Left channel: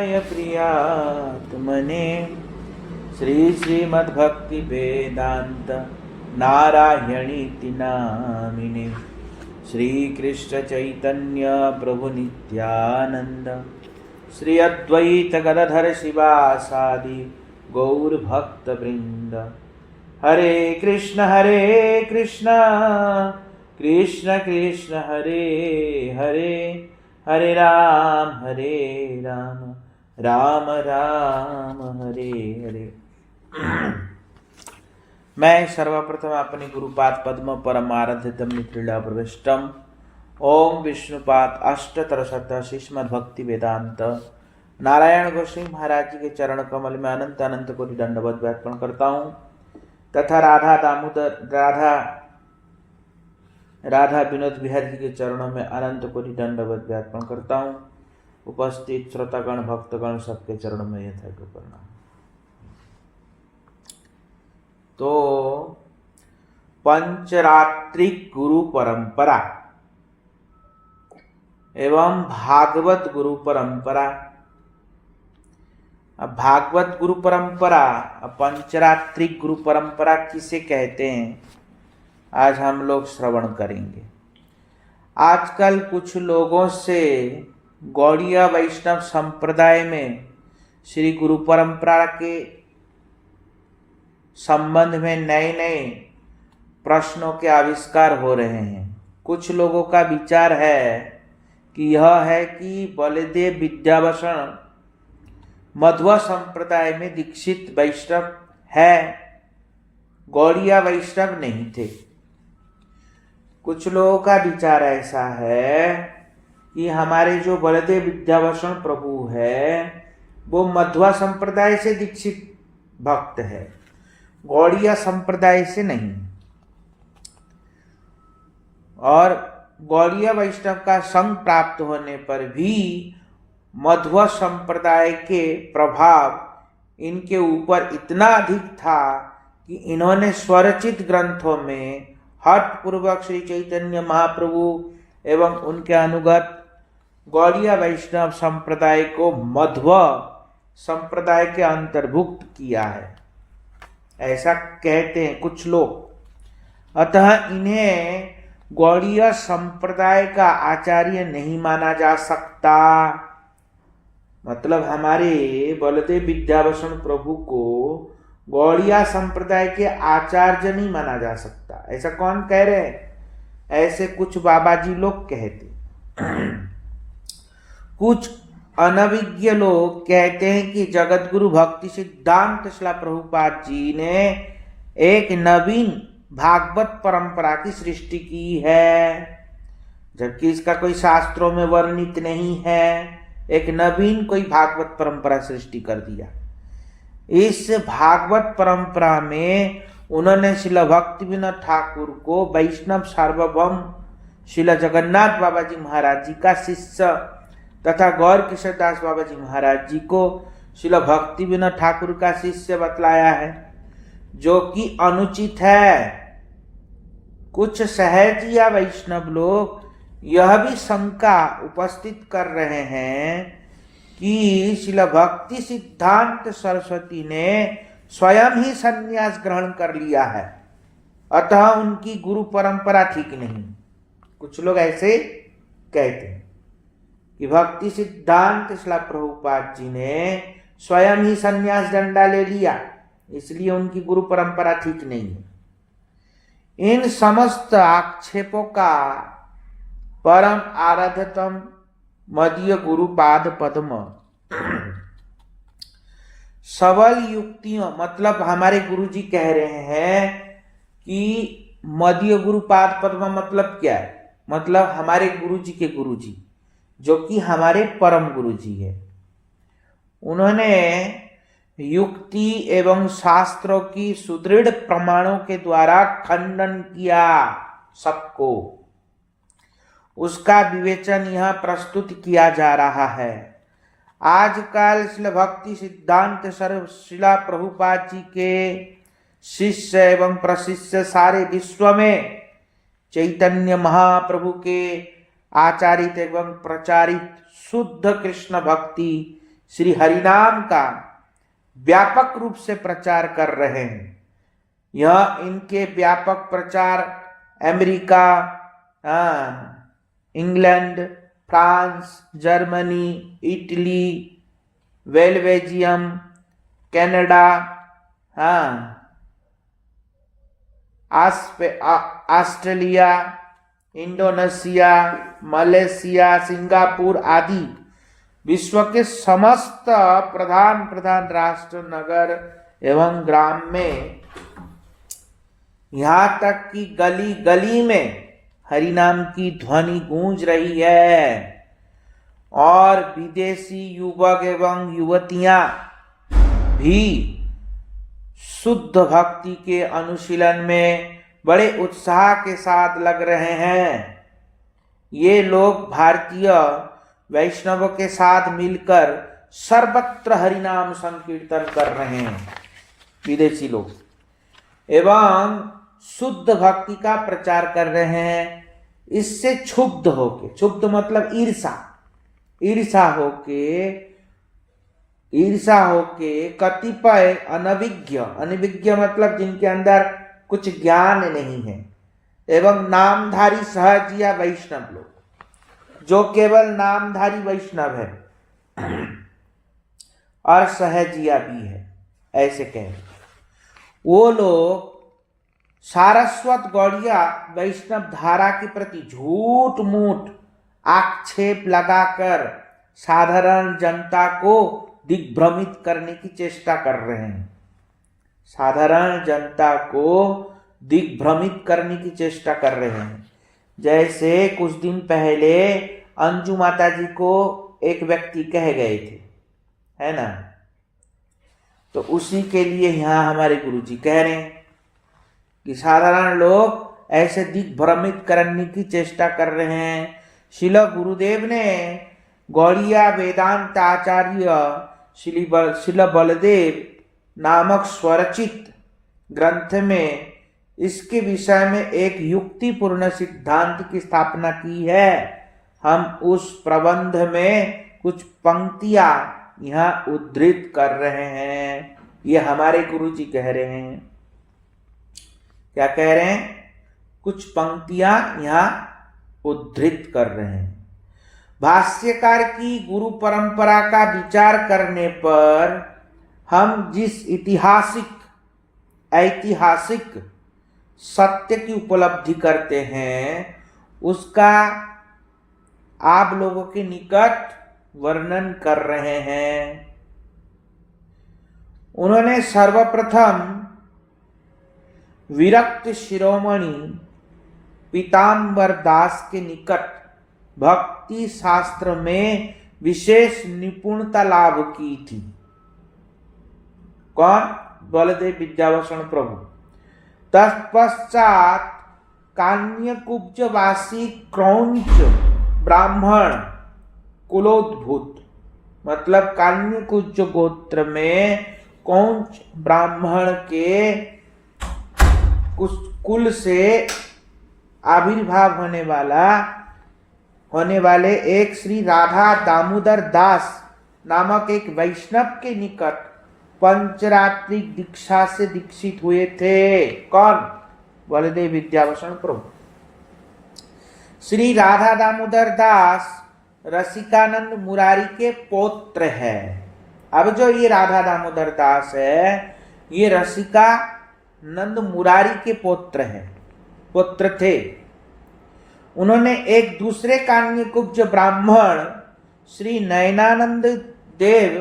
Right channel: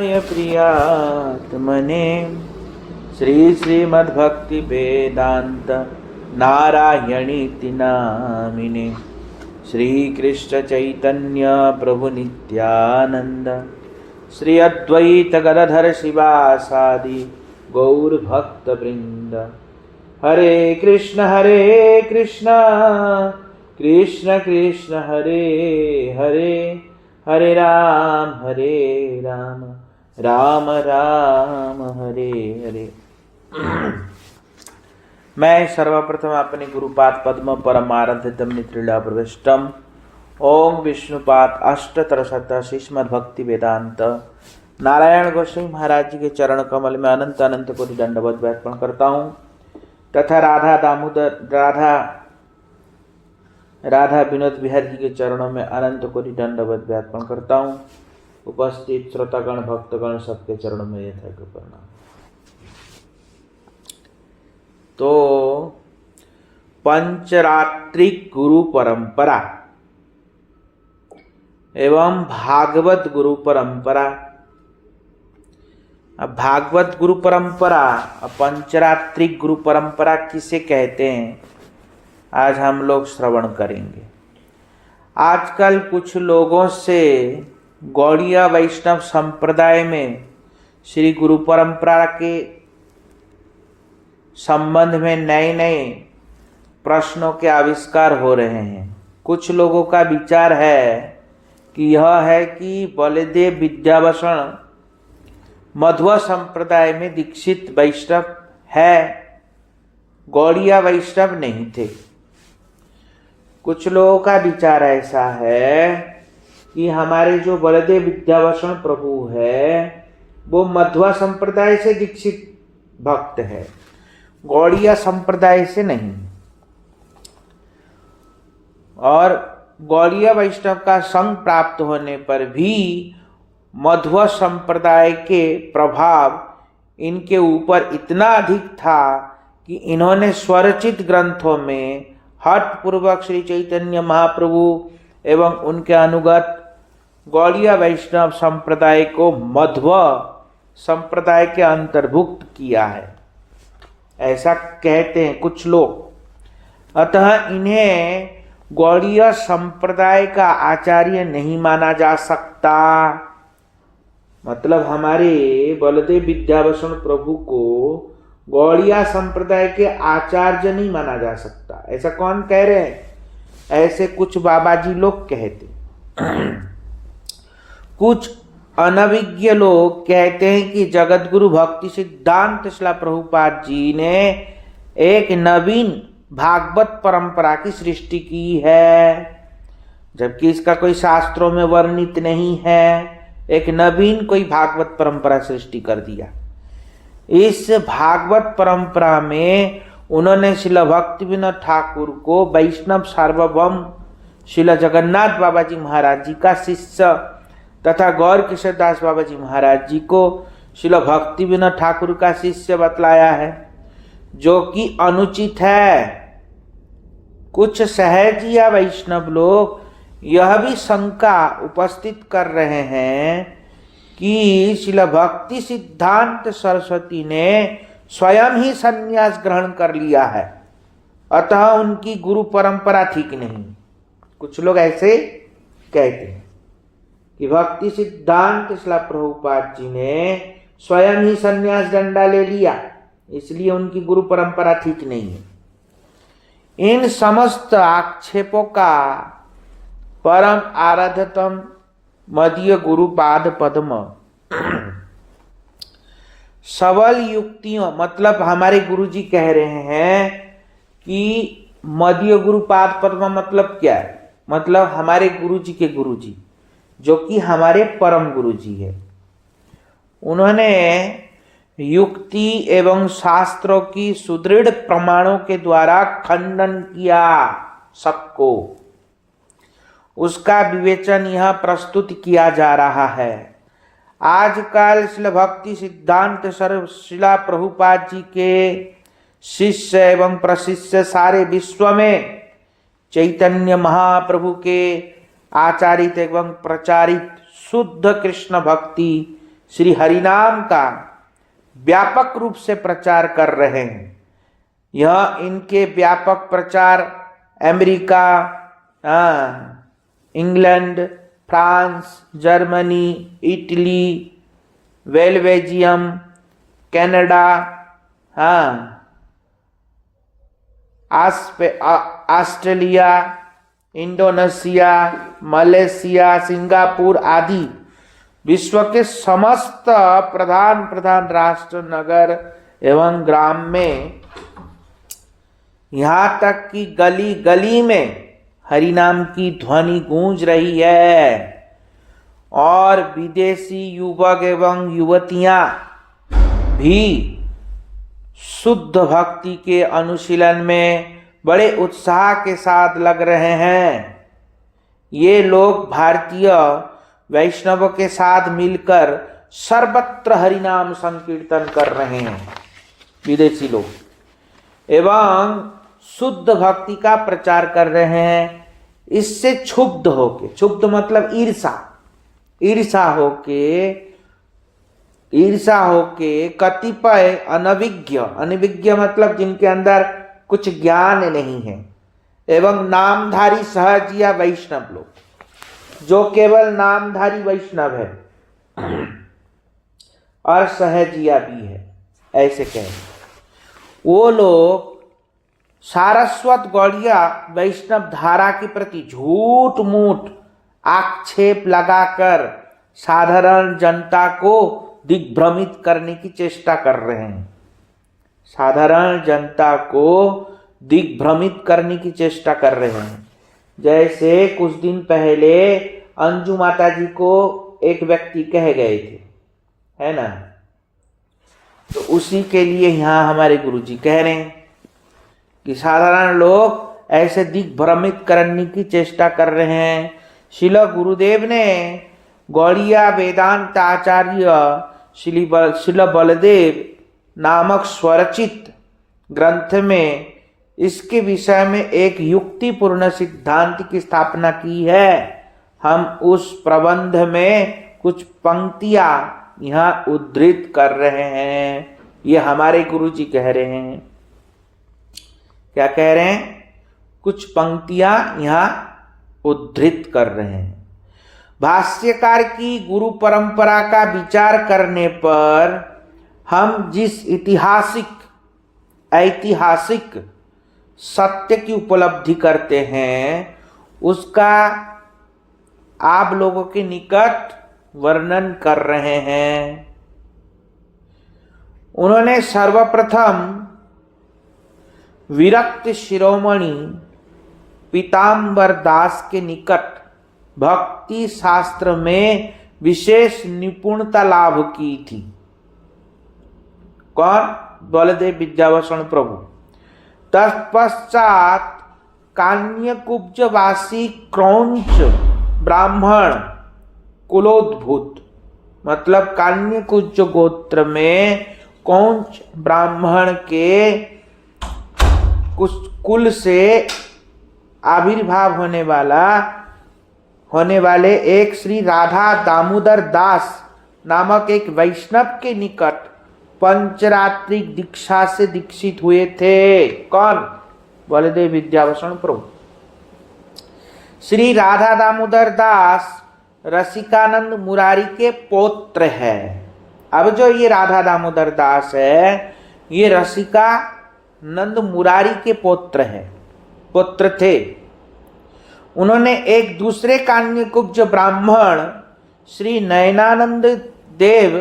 प्रियात्मने श्री श्रीमद्भक्ति वेदांत नारायणीति नामिने श्री कृष्ण चैतन्य प्रभु नित्यानंद श्री अद्वैत गदाधर शिवासादि गौर भक्त वृंद। हरे कृष्ण कृष्ण कृष्ण हरे हरे, हरे राम राम राम हरे हरे। मैं सर्वप्रथम अपने गुरुपाद पद्म परमाराध्यतम नित्रिला प्रविष्टम ओम विष्णुपाद अष्टतर शत श्रीमद्भक्ति वेदांत नारायण गोस्वामी महाराज जी के चरण कमल में अनंत अनंत कोटि दंडवत अर्पण करता हूँ तथा राधा विनोद बिहारी जी के चरणों में अनंत कोटि दंडवत अर्पण करता हूँ। उपस्थित श्रोतागण भक्तगण सबके चरणों में यथा प्रणाम। तो पंचरात्रिक गुरु परंपरा एवं भागवत गुरु परंपरा। अब भागवत गुरु परंपरा और पंचरात्रिक गुरु परंपरा किसे कहते हैं, आज हम लोग श्रवण करेंगे। आजकल कुछ लोगों से गौड़िया वैष्णव संप्रदाय में श्री गुरु परंपरा के संबंध में नए नए प्रश्नों के आविष्कार हो रहे हैं। कुछ लोगों का विचार है कि यह है कि बलदेव विद्याभूषण मध्व संप्रदाय में दीक्षित वैष्णव है, गौड़िया वैष्णव नहीं थे। कुछ लोगों का विचार ऐसा है कि हमारे जो बलदेव विद्याभूषण प्रभु है वो मध्वा संप्रदाय से दीक्षित भक्त है, गौड़िया संप्रदाय से नहीं। और गौड़िया वैष्णव का संग प्राप्त होने पर भी मध्व संप्रदाय के प्रभाव इनके ऊपर इतना अधिक था कि इन्होंने स्वरचित ग्रंथों में हठ पूर्वक श्री चैतन्य महाप्रभु एवं उनके अनुगत गौड़िया वैष्णव संप्रदाय को मध्व संप्रदाय के अंतर्भुक्त किया है, ऐसा कहते हैं कुछ लोग। अतः इन्हें गौड़िया संप्रदाय का आचार्य नहीं माना जा सकता। मतलब हमारे बलदेव विद्याभूषण प्रभु को गौड़िया संप्रदाय के आचार्य नहीं माना जा सकता। ऐसा कौन कह रहे हैं? ऐसे कुछ बाबाजी लोग कहते। कुछ अनभिज्ञ लोग कहते हैं कि जगतगुरु भक्ति सिद्धांत शिला प्रभुपाद जी ने एक नवीन भागवत परंपरा की सृष्टि की है, जबकि इसका कोई शास्त्रों में वर्णित नहीं है। एक नवीन कोई भागवत परंपरा सृष्टि कर दिया। इस भागवत परंपरा में उन्होंने शिला भक्ति विनोद ठाकुर को वैष्णव सार्वभौम शिला जगन्नाथ बाबा जी महाराज जी का शिष्य तथा गौर किशोर दास बाबा जी महाराज जी को शिला भक्ति विनोद ठाकुर का शिष्य बतलाया है, जो कि अनुचित है। कुछ सहज या वैष्णव लोग यह भी शंका उपस्थित कर रहे हैं कि शिला भक्ति सिद्धांत सरस्वती ने स्वयं ही संन्यास ग्रहण कर लिया है, अतः उनकी गुरु परंपरा ठीक नहीं। कुछ लोग ऐसे कहते हैं कि भक्ति सिद्धांत शिला प्रभुपाद जी ने स्वयं ही संन्यास डंडा ले लिया, इसलिए उनकी गुरु परंपरा ठीक नहीं है। इन समस्त आक्षेपों का परम आराध्यतम मदीय गुरुपाद पद्म सबल युक्तियों, मतलब हमारे गुरुजी कह रहे हैं कि मदीय गुरुपाद पद्म मतलब क्या है? मतलब हमारे गुरुजी के गुरुजी जो कि हमारे परम गुरुजी है, उन्होंने युक्ति एवं शास्त्रों की सुदृढ़ प्रमाणों के द्वारा खंडन किया सबको। उसका विवेचन यह प्रस्तुत किया जा रहा है। आजकल शिला भक्ति सिद्धांत शिला प्रभुपाद जी के शिष्य एवं प्रशिष्य सारे विश्व में चैतन्य महाप्रभु के आचारित एवं प्रचारित शुद्ध कृष्ण भक्ति श्री हरिनाम का व्यापक रूप से प्रचार कर रहे हैं। यह इनके व्यापक प्रचार America, England, France, Germany, Italy, Belgium, Canada, Australia, Indonesia, Malaysia, Singapore आदि विश्व के समस्त प्रधान राष्ट्र, नगर एवं ग्राम में, यहाँ तक कि गली गली में हरिनाम की ध्वनि गूंज रही है। और विदेशी युवक एवं युवतियां भी शुद्ध भक्ति के अनुशीलन में बड़े उत्साह के साथ लग रहे हैं। ये लोग भारतीय वैष्णव के साथ मिलकर सर्वत्र हरिनाम संकीर्तन कर रहे हैं, विदेशी लोग, एवं शुद्ध भक्ति का प्रचार कर रहे हैं। इससे क्षुब्ध होके, क्षुब्ध मतलब ईर्षा होके कतिपय अनभिज्ञ मतलब जिनके अंदर कुछ ज्ञान नहीं है, एवं नामधारी सहज या वैष्णव लोग, जो केवल नामधारी वैष्णव है और सहजिया भी है, ऐसे कहें, वो लोग सारस्वत गौड़िया वैष्णव धारा के प्रति झूठ मूठ आक्षेप लगाकर साधारण जनता को दिग्भ्रमित करने की चेष्टा कर रहे हैं। साधारण जनता को दिग्भ्रमित करने की चेष्टा कर रहे हैं। जैसे कुछ दिन पहले अंजू माता जी को एक व्यक्ति कह गए थे, है ना, तो उसी के लिए यहाँ हमारे गुरुजी कह रहे हैं कि साधारण लोग ऐसे दिग्भ्रमित करने की चेष्टा कर रहे हैं। श्रील गुरुदेव ने गौड़िया वेदांत आचार्य श्रील बलदेव नामक स्वरचित ग्रंथ में इसके विषय में एक युक्तिपूर्ण सिद्धांत की स्थापना की है। हम उस प्रबंध में कुछ पंक्तियां यहाँ उद्धृत कर रहे हैं। ये हमारे गुरुजी कह रहे हैं। क्या कह रहे हैं? कुछ पंक्तियां यहाँ उद्धृत कर रहे हैं। भाष्यकार की गुरु परंपरा का विचार करने पर हम जिस ऐतिहासिक सत्य की उपलब्धि करते हैं उसका आप लोगों के निकट वर्णन कर रहे हैं। उन्होंने सर्वप्रथम विरक्त शिरोमणि पीताम्बर दास के निकट भक्ति शास्त्र में विशेष निपुणता लाभ की थी। कौन? बलदेव विद्याभूषण प्रभु। तत्पश्चात कान्यकुब्जवासी क्रौंच ब्राह्मण कुलोद्भूत, मतलब कान्यकुब्ज गोत्र में कौंच ब्राह्मण के कुल से आविर्भाव होने वाले एक श्री राधा दामोदर दास नामक एक वैष्णव के निकट पंचरात्रि दीक्षा से दीक्षित हुए थे। कौन? बलदेव विद्याभूषण प्रभु। श्री राधा दामोदर दास रसिकानंद मुरारी के पौत्र है। अब जो ये राधा दामोदर दास है ये रसिकानंद मुरारी के पुत्र थे। उन्होंने एक दूसरे कान्यकुब्ज ब्राह्मण श्री नयनानंद देव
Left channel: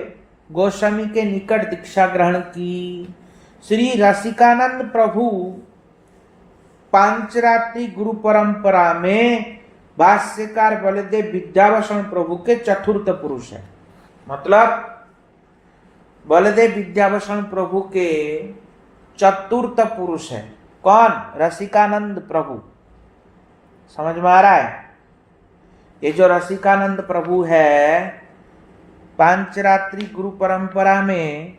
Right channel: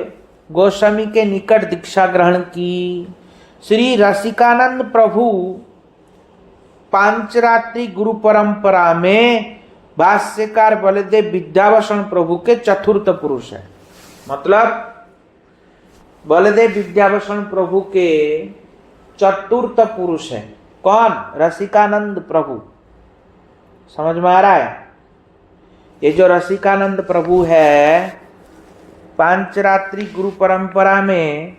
गोस्वामी के निकट दीक्षा ग्रहण की। श्री रसिकानंद प्रभु पांचरात्रि गुरु परंपरा में भाष्यकार बलदेव विद्याभूषण प्रभु के चतुर्थ पुरुष है। मतलब बलदेव विद्याभूषण प्रभु के चतुर्थ पुरुष है। कौन? रसिकानंद प्रभु। समझ में आ रहा है? ये जो रसिकानंद प्रभु है पांचरात्रि गुरु परंपरा में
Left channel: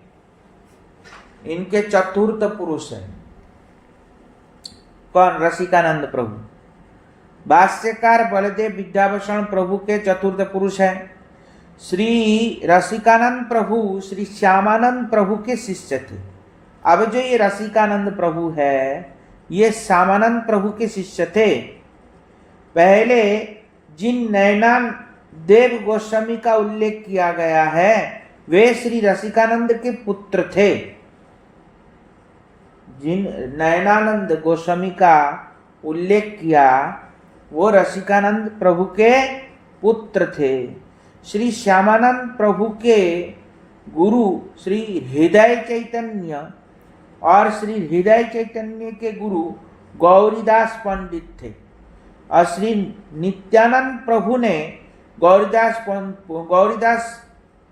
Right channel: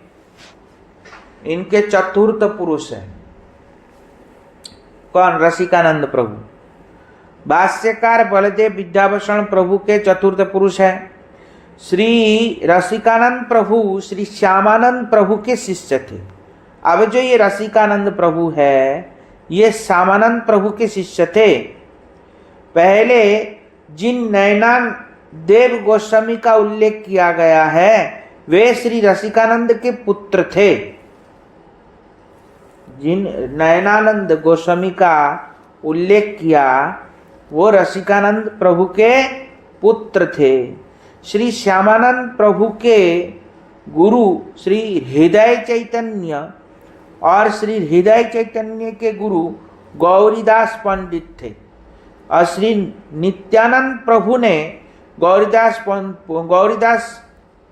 इनके चतुर्थ पुरुष है। कौन? रसिकानंद प्रभु। भाष्यकार बलदेव विद्याभूषण प्रभु के चतुर्थ पुरुष है। श्री रसिकानंद प्रभु श्री श्यामानंद प्रभु के शिष्य थे। अब जो ये रसिकानंद प्रभु है ये श्यामानंद प्रभु के शिष्य थे। पहले जिन नैनान देव गोस्वामी का उल्लेख किया गया है वे श्री रसिकानंद के पुत्र थे। जिन नयनानंद गोस्वामी का उल्लेख किया वो रसिकानंद प्रभु के पुत्र थे। श्री श्यामानंद प्रभु के गुरु श्री हृदय चैतन्य और श्री हृदय चैतन्य के गुरु गौरीदास पंडित थे। और श्री नित्यानंद प्रभु ने गौरीदास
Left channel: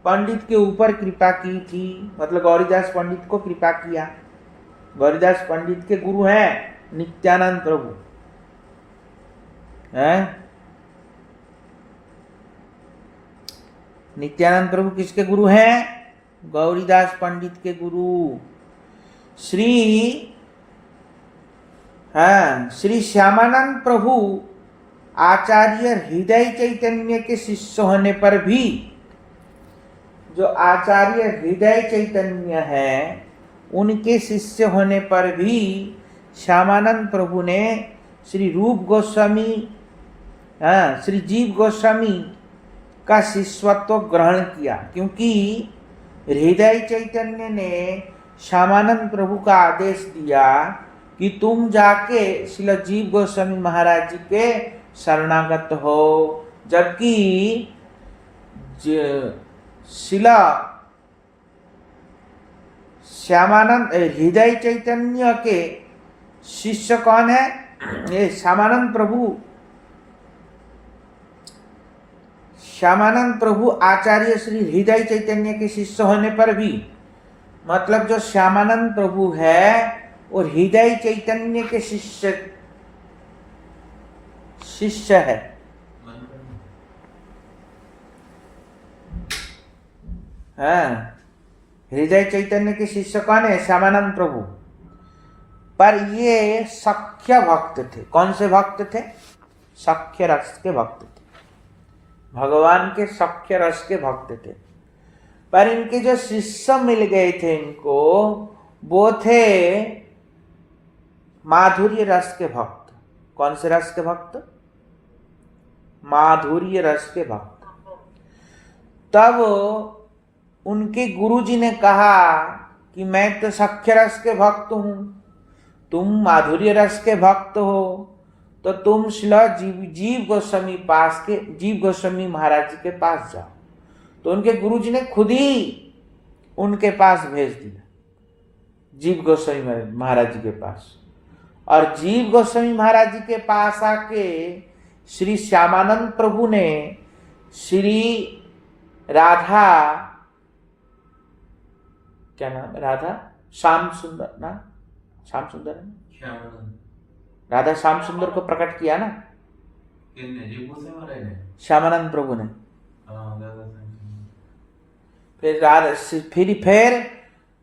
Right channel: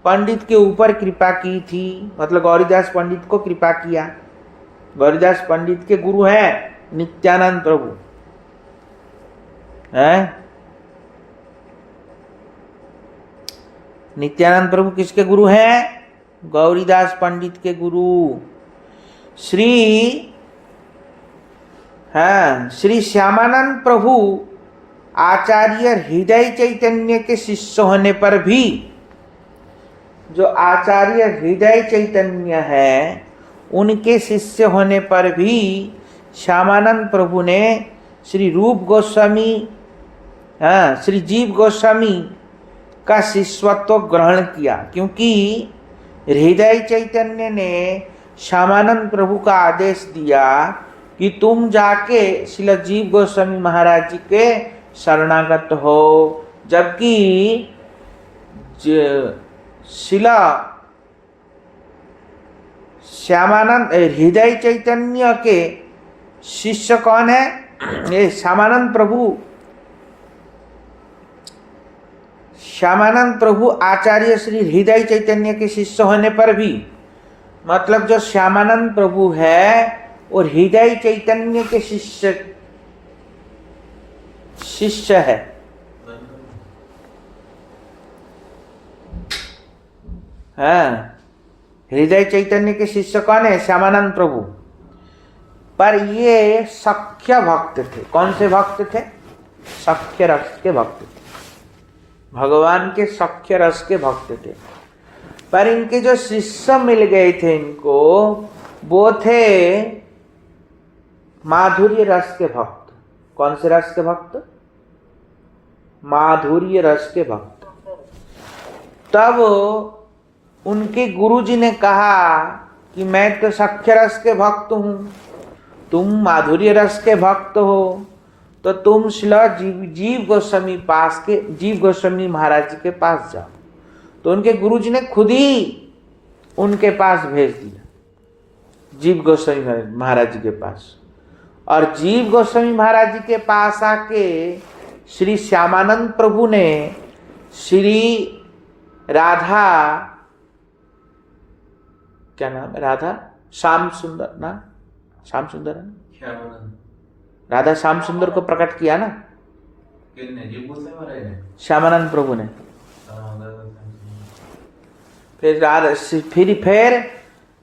पंडित के ऊपर कृपा की थी, मतलब गौरीदास पंडित को कृपा किया। गौरीदास पंडित के गुरु हैं नित्यानंद प्रभु हैं। नित्यानंद प्रभु किसके गुरु हैं? गौरीदास पंडित के गुरु। श्री श्यामानंद प्रभु आचार्य हृदय चैतन्य के शिष्य होने पर भी, जो आचार्य हृदय चैतन्य है उनके शिष्य होने पर भी श्यामानंद प्रभु ने श्री रूप गोस्वामी श्री जीव गोस्वामी का शिष्यत्व ग्रहण किया, क्योंकि हृदय चैतन्य ने श्यामानंद प्रभु का आदेश दिया कि तुम जाके श्रील जीव गोस्वामी महाराज जी के शरणागत हो। जबकि शिला श्यामानंद हृदय चैतन्य के शिष्य कौन है? ये श्यामानंद प्रभु आचार्य श्री हृदय चैतन्य के शिष्य होने पर भी, मतलब जो श्यामानंद प्रभु है और हृदय चैतन्य के शिष्य है। हृदय चैतन्य के शिष्य कौन है? श्यामानंद प्रभु। पर ये सख्य भक्त थे। कौन से भक्त थे? सख्य रस के भक्त थे, भगवान के सख्य रस के भक्त थे। पर इनके जो शिष्य मिल गए थे इनको, वो थे माधुर्य रस के भक्त। कौन से रस के भक्त? माधुर्य रस के भक्त। तब उनके गुरुजी ने कहा कि मैं तो सख्य रस के भक्त हूं, तुम माधुर्य रस के भक्त हो, तो तुम शिला जीव गोस्वामी महाराज जी के पास जाओ। तो उनके गुरुजी ने खुद ही उनके पास भेज दिया, जीव गोस्वामी महाराज जी के पास। और जीव गोस्वामी महाराज जी के पास आके श्री श्यामानंद प्रभु ने श्री राधा, क्या नाम है? राधा श्याम सुंदर ना, श्याम सुंदर है, राधा श्याम सुंदर को प्रकट किया ना श्यामानंद प्रभु ने। फिर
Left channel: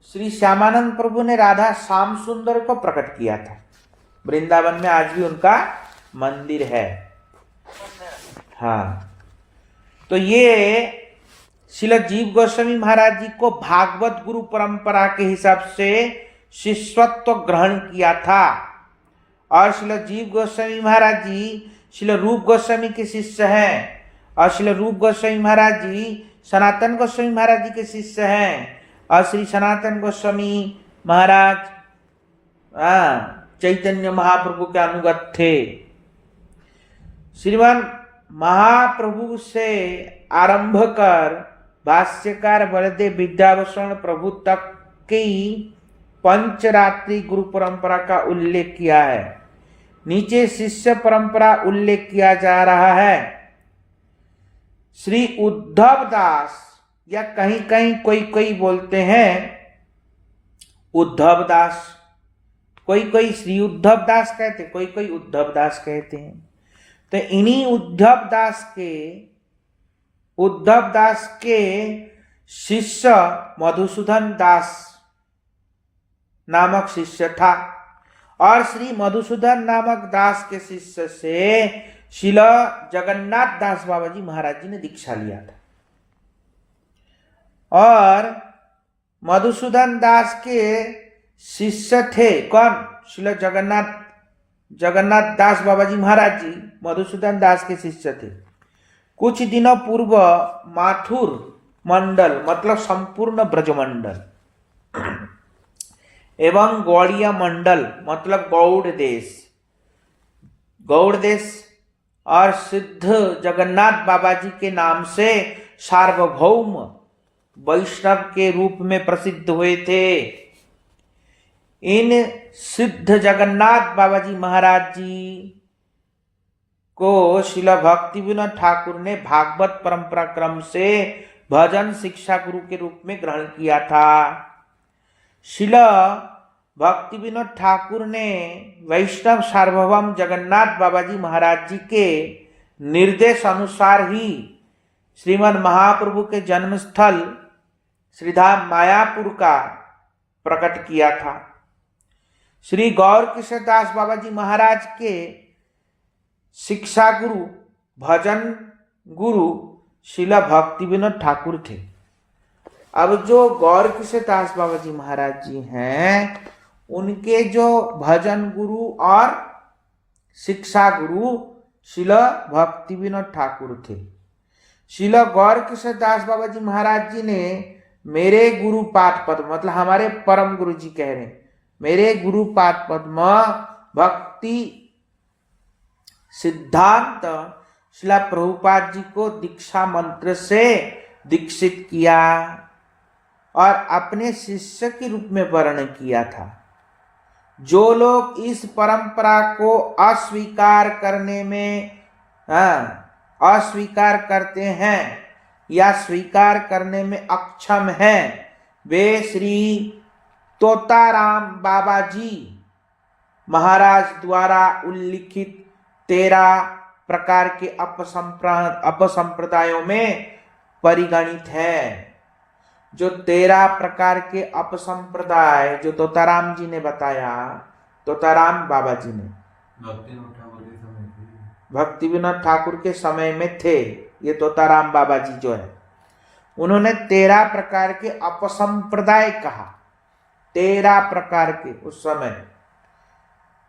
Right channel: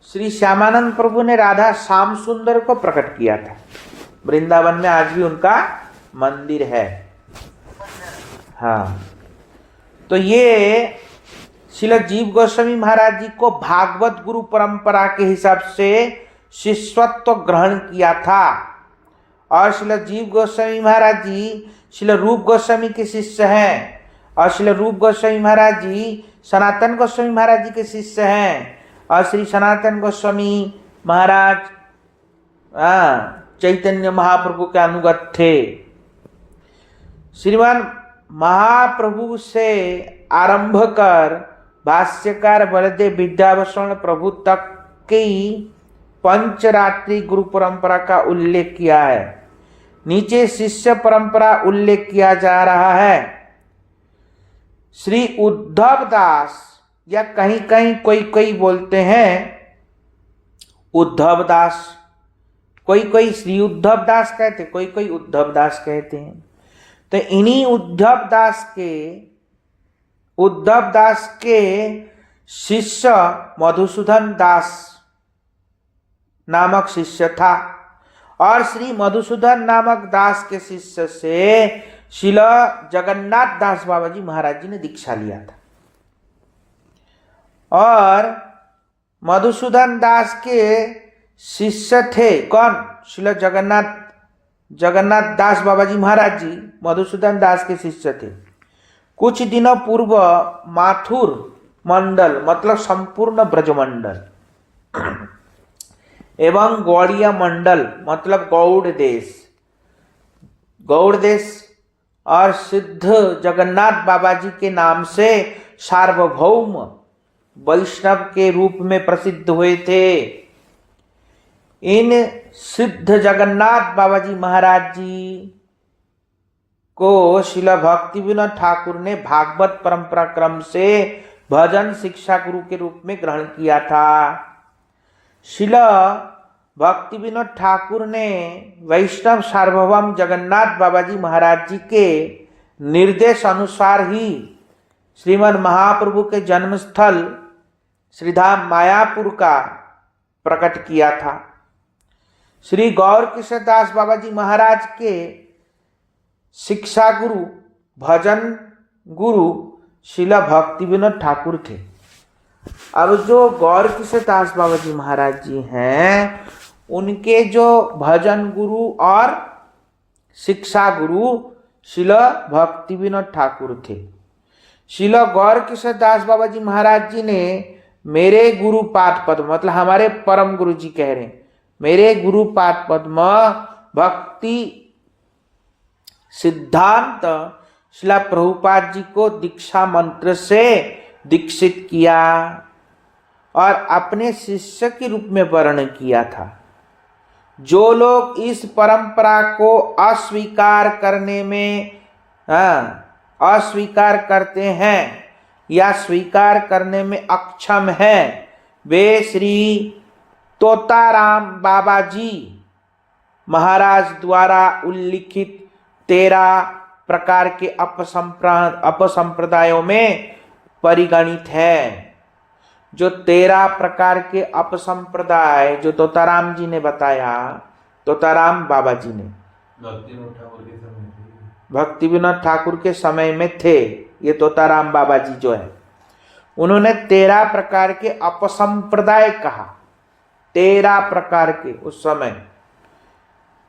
श्री श्यामानंद प्रभु ने राधा श्याम सुंदर को प्रकट किया था। वृंदावन में आज भी उनका मंदिर है। हाँ, तो ये श्रील जीव गोस्वामी महाराज जी को भागवत गुरु परंपरा के हिसाब से शिष्यत्व ग्रहण किया था। और श्रील जीव गोस्वामी महाराज जी श्रील रूप गोस्वामी के शिष्य हैं, और श्रील रूप गोस्वामी महाराज जी सनातन गोस्वामी महाराज जी के शिष्य हैं। और श्री सनातन गोस्वामी महाराज चैतन्य महाप्रभु के अनुगत थे। श्रीमान महाप्रभु से आरंभ कर भाष्यकार बलदेव विद्याभूषण प्रभु तक की पंचरात्रि गुरु परंपरा का उल्लेख किया है। नीचे शिष्य परंपरा उल्लेख किया जा रहा है। श्री उद्धव दास, या कहीं कहीं कोई बोलते हैं उद्धव दास, कोई श्री उद्धव दास कहते, कोई उद्धव दास कहते हैं। तो इन्हीं उद्धव दास के शिष्य मधुसूदन दास नामक शिष्य था। और श्री मधुसूदन नामक दास के शिष्य से श्रील जगन्नाथ दास बाबा जी महाराज जी ने दीक्षा लिया था। और मधुसूदन दास के शिष्य थे कौन? श्रील जगन्नाथ दास बाबा जी महाराज जी मधुसूदन दास के शिष्य थे। कुछ दिनों पूर्व माथुर मंडल मतलब संपूर्ण ब्रजमंडल एवं गौड़िया मंडल मतलब गौड़ देश और सिद्ध जगन्नाथ बाबा जी के नाम से सार्वभौम वैष्णव के रूप में प्रसिद्ध हुए थे। इन सिद्ध जगन्नाथ बाबा जी महाराज जी को श्रील भक्ति विनोद ठाकुर ने भागवत परंपरा क्रम से भजन शिक्षा गुरु के रूप में ग्रहण किया था। श्रील भक्ति विनोद ठाकुर ने वैष्णव सार्वभौम जगन्नाथ बाबा जी महाराज जी के निर्देश अनुसार ही श्रीमद् महाप्रभु के जन्म स्थल श्रीधाम मायापुर का प्रकट किया था। श्री गौर किशोर दास बाबा जी महाराज के शिक्षा गुरु भजन गुरु श्रील भक्ति विनोद ठाकुर थे। अब जो गौर किशोर दास बाबा जी महाराज जी हैं उनके जो भजन गुरु और शिक्षा गुरु श्रील भक्ति विनोद ठाकुर थे। श्रील गौर किशोर दास बाबा जी महाराज जी ने मेरे गुरु पाद पद्म मतलब हमारे परम गुरु जी कह रहे हैं, मेरे गुरु पाद पद्म भक्ति सिद्धांत श्रील प्रभुपाद जी को दीक्षा मंत्र से दीक्षित किया और अपने शिष्य के रूप में वर्ण किया था। जो लोग इस परंपरा को अस्वीकार करने में अस्वीकार करते हैं या स्वीकार करने में अक्षम हैं, वे श्री तोताराम बाबा जी महाराज द्वारा उल्लिखित 13 प्रकार के अपसंप्रदायों में परिगणित हैं। जो 13 प्रकार के अपसंप्रदाय जो तोताराम जी ने बताया, तोताराम बाबा जी ने भक्ति विनोद ठाकुर के समय में थे। ये तोताराम बाबा जी जो है उन्होंने 13 प्रकार के अपसंप्रदाय कहा। 13 प्रकार के उस समय,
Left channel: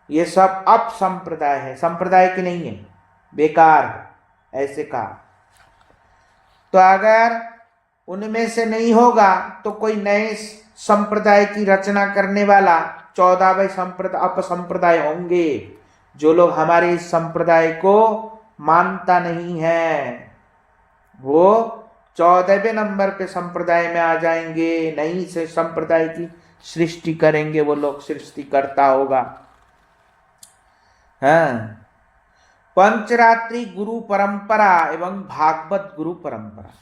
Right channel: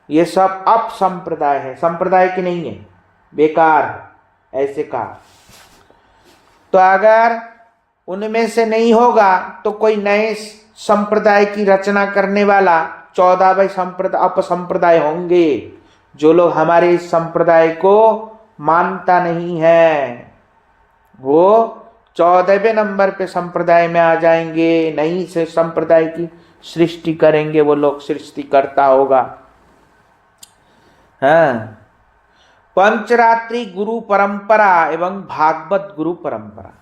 ये सब अपसंप्रदाय है, संप्रदाय की नहीं है, बेकार है, ऐसे कहा। तो अगर उनमें से नहीं होगा तो कोई नए संप्रदाय की रचना करने वाला 14वें अपसंप्रदाय होंगे। जो लोग हमारे इस संप्रदाय को मानता नहीं है वो 14वें नंबर पे संप्रदाय में आ जाएंगे, नई से संप्रदाय की सृष्टि करेंगे, वो लोग सृष्टिकर्ता होगा। पंचरात्रि गुरु परंपरा एवं भागवत गुरु परंपरा।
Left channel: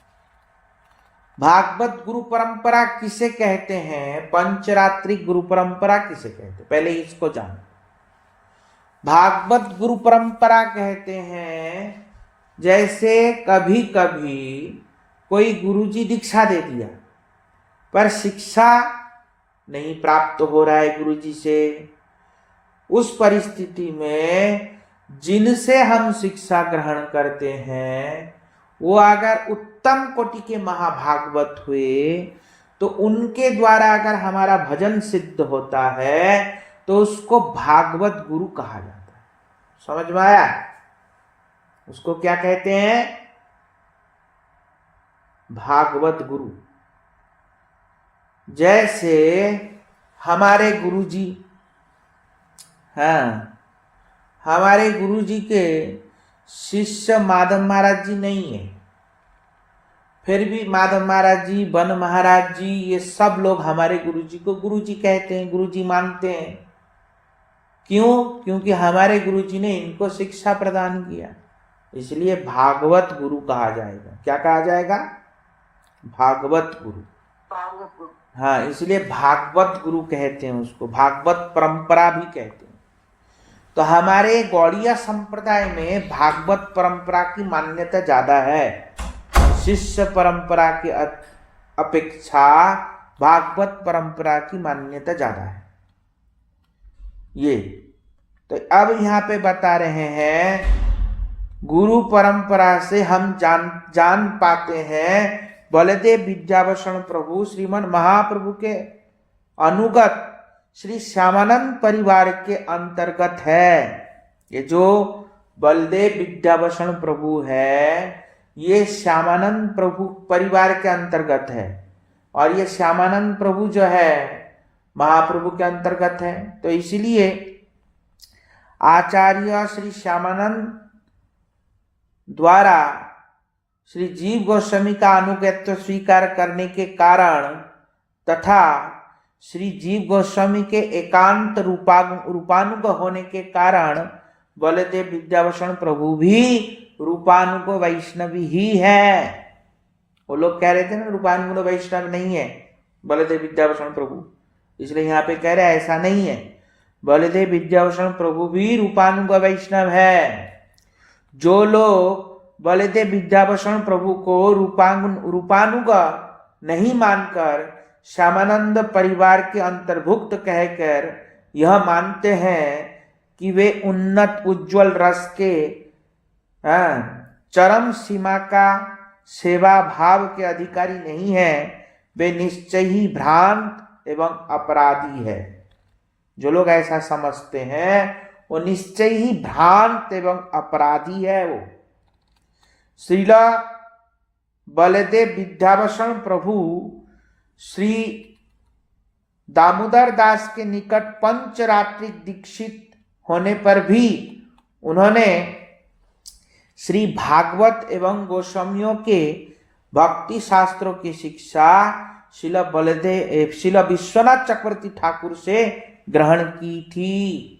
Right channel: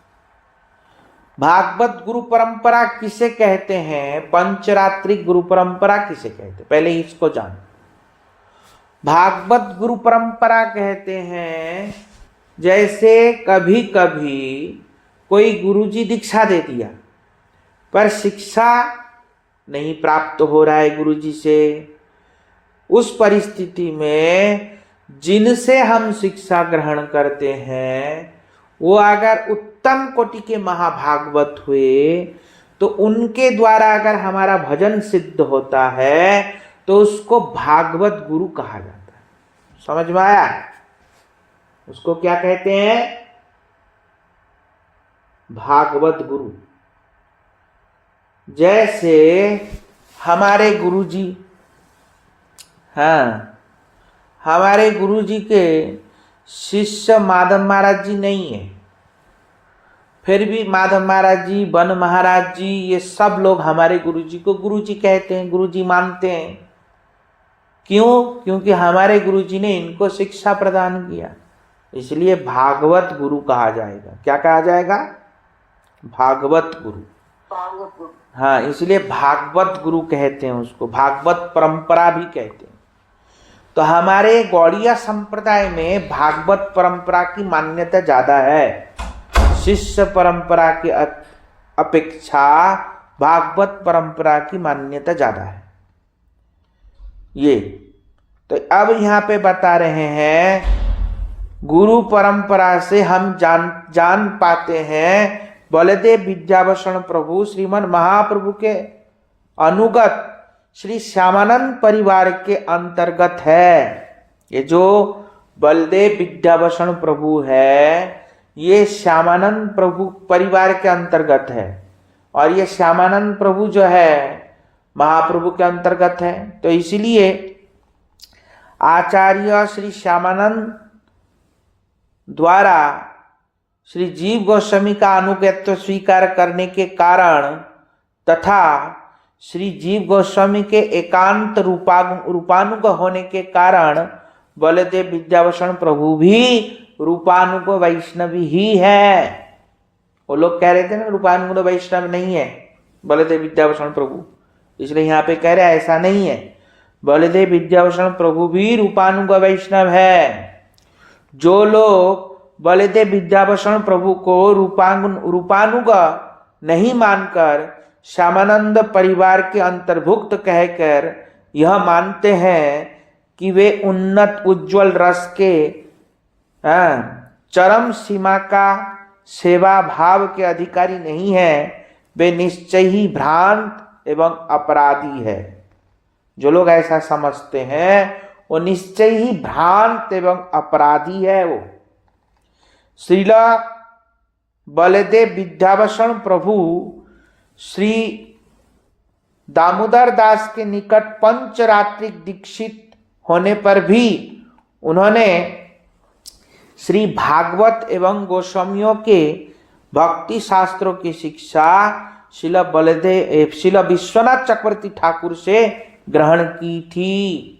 भागवत गुरु परंपरा किसे कहते हैं, पंचरात्रि गुरु परंपरा किसे कहते हैं, पहले इसको जान। भागवत गुरु परंपरा कहते हैं जैसे कभी कभी कोई गुरुजी दीक्षा दे दिया पर शिक्षा नहीं प्राप्त हो रहा है गुरुजी से, उस परिस्थिति में जिनसे हम शिक्षा ग्रहण करते हैं वो अगर उत्तम कोटि के महाभागवत हुए तो उनके द्वारा अगर हमारा भजन सिद्ध होता है तो उसको भागवत गुरु कहा जाता है। समझ में आया? उसको क्या कहते हैं? भागवत गुरु। जैसे हमारे गुरुजी, हमारे गुरुजी के शिष्य माधव महाराज जी नहीं है, फिर भी माधव महाराज जी, बन महाराज जी, ये सब लोग हमारे गुरुजी को गुरुजी कहते हैं, गुरुजी मानते हैं। क्यों? क्योंकि हमारे गुरुजी ने इनको शिक्षा प्रदान किया, इसलिए भागवत गुरु कहा जाएगा। क्या कहा जाएगा? भागवत गुरु। हाँ, इसलिए भागवत गुरु कहते हैं उसको, भागवत परंपरा भी कहते हैं। तो हमारे गौड़िया संप्रदाय में भागवत परंपरा की मान्यता ज्यादा है, शिष्य परंपरा की अपेक्षा भागवत परंपरा की मान्यता ज्यादा है। ये तो अब यहाँ पे बता रहे हैं गुरु परंपरा से हम जान पाते हैं बलदेव विद्याभूषण प्रभु श्रीमन महाप्रभु के अनुगत श्री श्यामानंद परिवार के अंतर्गत है। ये जो बलदेव विद्याभूषण प्रभु है ये श्यामानंद प्रभु परिवार के अंतर्गत है, और ये श्यामानंद प्रभु जो है महाप्रभु के अंतर्गत है। तो इसलिए आचार्य श्री श्यामानंद द्वारा श्री जीव गोस्वामी का अनुगत्य स्वीकार करने के कारण तथा श्री जीव गोस्वामी के एकांत रूपानुग होने के कारण बलदेव विद्याभूषण प्रभु भी रूपानुग वैष्णवी ही है। वो लोग कह रहे थे ना रूपानुग वैष्णव नहीं है बलदेव विद्याभूषण प्रभु, इसलिए यहाँ पे कह रहे हैं ऐसा नहीं है। बलदेव विद्याभूषण प्रभु भी रूपानुग वैष्णव है। जो लोग बलदेव विद्याभूषण प्रभु को रूपानुग नहीं मानकर श्यामानंद परिवार के अंतर्भुक्त कहकर यह मानते हैं कि वे उन्नत उज्जवल रस के चरम सीमा का सेवा भाव के अधिकारी नहीं है, वे निश्चय ही भ्रांत एवं अपराधी है। जो लोग ऐसा समझते हैं वो निश्चय ही भ्रांत एवं अपराधी है। वो श्रील बलदेव विद्याभूषण प्रभु श्री दामोदर दास के निकट पंचरात्रिक दीक्षित होने पर भी उन्होंने श्री भागवत एवं गोस्वामियों के भक्ति शास्त्रों की शिक्षा श्रील विश्वनाथ चक्रवर्ती ठाकुर से ग्रहण की थी।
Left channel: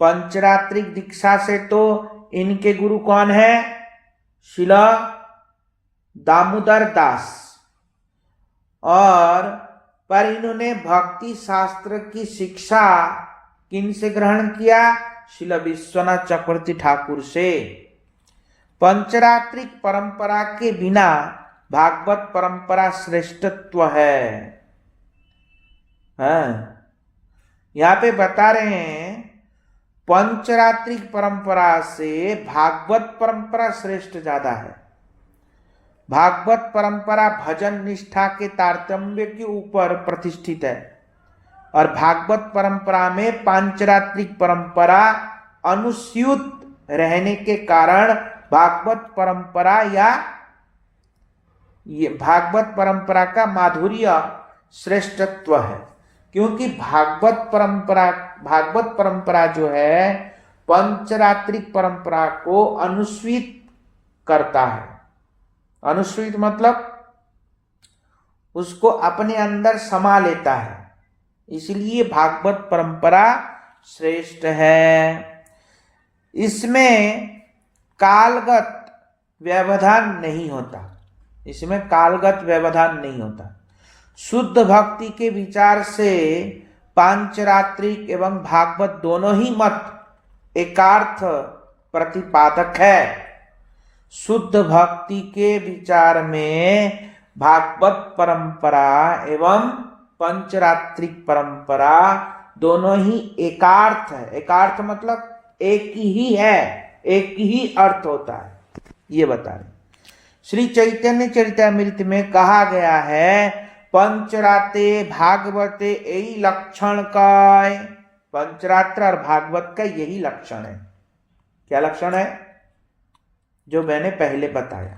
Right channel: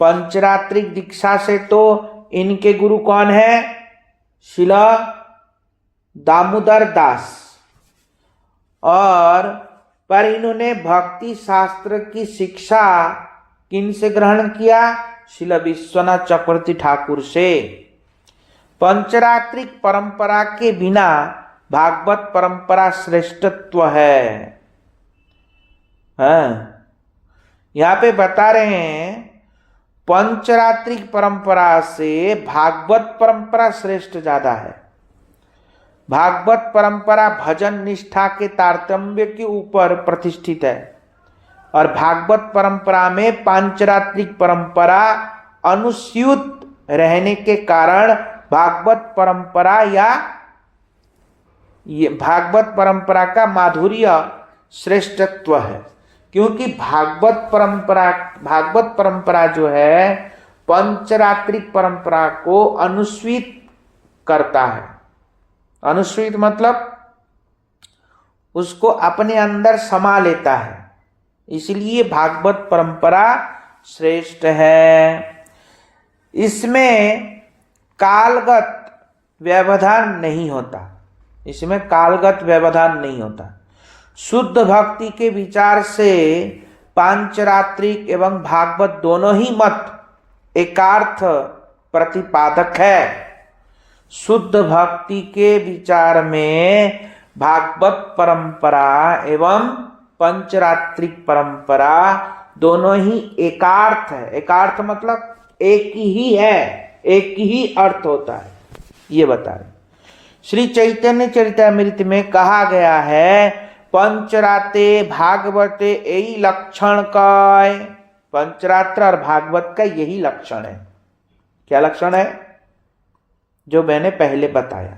पंचरात्रिक दीक्षा से तो इनके गुरु कौन है? श्रील दामोदर दास। और पर इन्होंने भक्ति शास्त्र की शिक्षा किन से ग्रहण किया? श्रील विश्वनाथ चक्रवर्ती ठाकुर से। पंचरात्रिक परंपरा के बिना भागवत परंपरा श्रेष्ठत्व है। यहाँ पे बता रहे हैं पंचरात्रिक परंपरा से भागवत परंपरा श्रेष्ठ ज्यादा है। भागवत परंपरा भजन निष्ठा के तारतम्य के ऊपर प्रतिष्ठित है, और भागवत परंपरा में पांचरात्रिक परंपरा अनुस्यूत रहने के कारण भागवत परंपरा का माधुर्य श्रेष्ठत्व है। क्योंकि भागवत परंपरा जो है पंचरात्रिक परंपरा को अनुस्यूत करता है। अनुस्यूत मतलब उसको अपने अंदर समा लेता है, इसलिए भागवत परंपरा श्रेष्ठ है। इसमें कालगत व्यवधान नहीं होता, इसमें कालगत व्यवधान नहीं होता। शुद्ध भक्ति के विचार से पांचरात्रिक एवं भागवत दोनों ही मत एकार्थ प्रतिपादक है। शुद्ध भक्ति के विचार में भागवत परंपरा एवं पंचरात्रिक परंपरा दोनों ही एकार्थ है। एकार्थ मतलब एक ही है, एक ही अर्थ होता है, ये बता रहे। श्री चैतन्य चरितामृत में कहा गया है पंचराते भागवते यही लक्षण का। पंचरात्र और भागवत का यही लक्षण है। क्या लक्षण है? जो मैंने पहले बताया।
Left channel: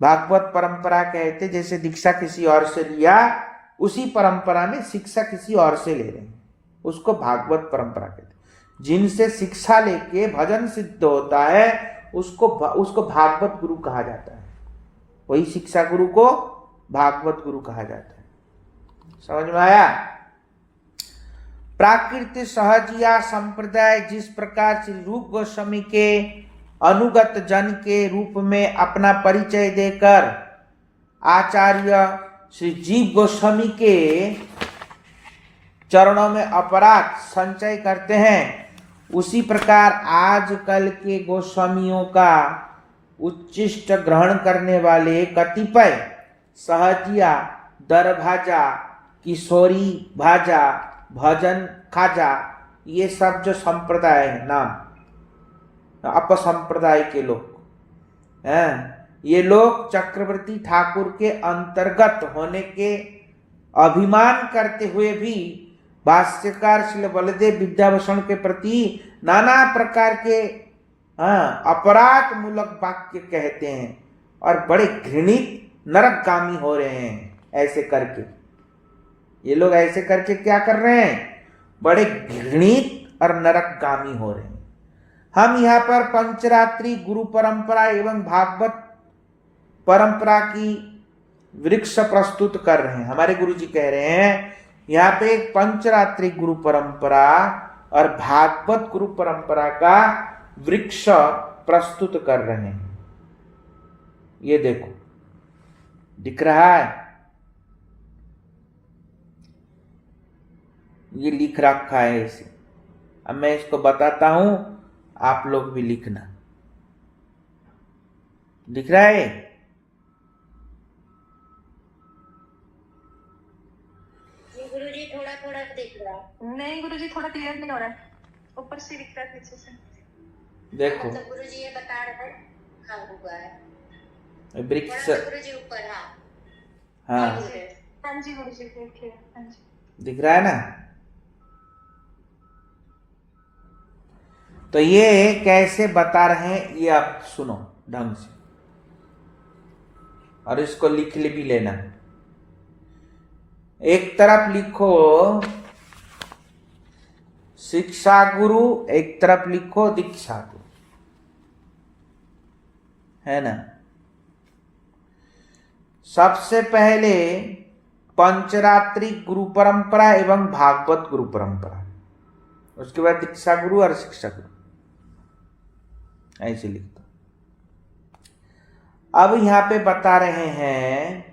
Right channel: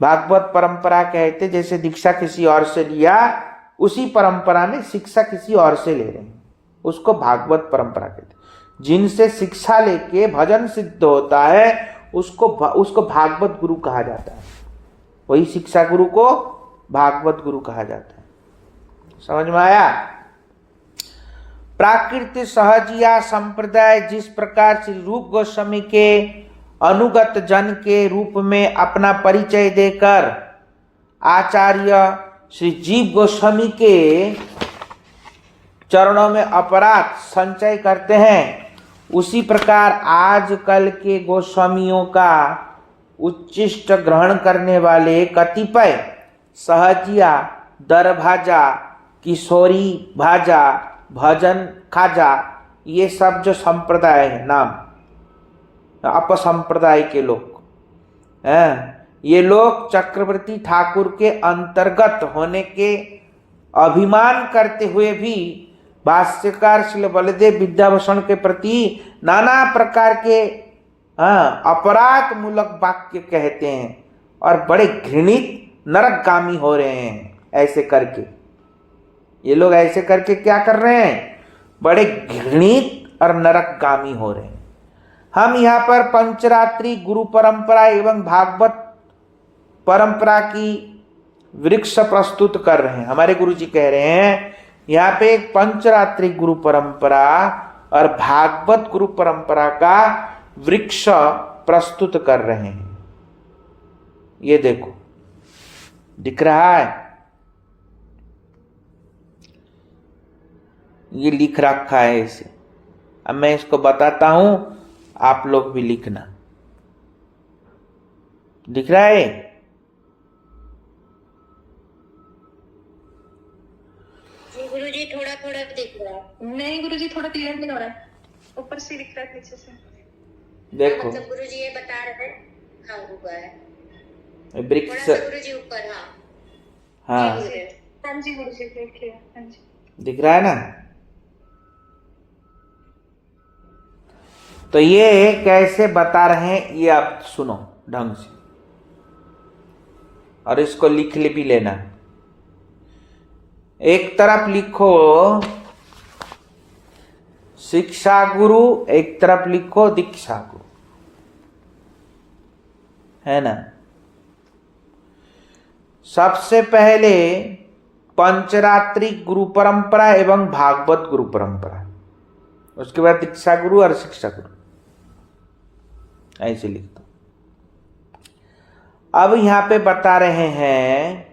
भागवत परंपरा कहते जैसे दीक्षा किसी और से लिया, उसी परंपरा में शिक्षा किसी और से ले रहे हैं, उसको भागवत परंपरा कहते। जिनसे शिक्षा लेके भजन सिद्ध होता है उसको भागवत गुरु कहा जाता है। वही शिक्षा गुरु को भागवत गुरु कहा जाता है। समझ में आया? प्राकृत सहजिया संप्रदाय जिस प्रकार श्री रूप गोस्वामी के अनुगत जन के रूप में अपना परिचय देकर आचार्य श्री जीव गोस्वामी के चरणों में अपराध संचय करते हैं, उसी प्रकार आजकल के गोस्वामियों का उच्चिष्ट ग्रहण करने वाले कतिपय सहजिया, दरभाजा, किशोरी भाजा, भजन खाजा, ये सब जो संप्रदाय है नाम अपसंप्रदाय के लोग हैं, ये लोग चक्रवर्ती ठाकुर के अंतर्गत होने के अभिमान करते हुए भी भाष्यकार श्री बलदेव विद्याभूषण के प्रति नाना प्रकार के अपराध मूलक वाक्य कहते हैं और बड़े घृणित नरकगामी हो रहे हैं। ऐसे करके ये लोग ऐसे करके क्या कर रहे हैं? बड़े घृणित और नरकगामी हो रहे हैं। हम यहाँ पर पंचरात्रि गुरु परंपरा एवं भागवत परंपरा की वृक्ष प्रस्तुत कर रहे हैं। हमारे गुरु जी कह रहे हैं यहाँ पे एक पंचरात्रि गुरु परंपरा और भागवत गुरु परंपरा का वृक्ष प्रस्तुत कर रहे हैं। ये देखो, दिख रहा है? ये लिख रखा है इसे। अब मैं इसको बताता हूं, आप लोग भी लिखना। दिख रहा है? गुरुजी थोड़ा थोड़ा दिख रहा है। नहीं गुरुजी, थोड़ा क्लियर नहीं हो रहा है, ऊपर से दिख रहा है पीछे से। देखो मतलब गुरुजी ये बता रहे हैं। हाँ ऊपर है वृक्ष। गुरुजी ऊपर। हाँ हाँ जी गुरुजी देखिए। हाँ जी दिख रहा है ना? तो ये कैसे बता रहे हैं ये आप सुनो ढंग से, और इसको लिख ले भी लेना। एक तरफ लिखो शिक्षा गुरु, एक तरफ लिखो दीक्षा गुरु, है ना? सबसे पहले पंचरात्रि गुरु परंपरा एवं भागवत गुरु परंपरा, उसके बाद दीक्षा गुरु और शिक्षा गुरु, ऐसे लिख दो। अब यहां पे बता रहे हैं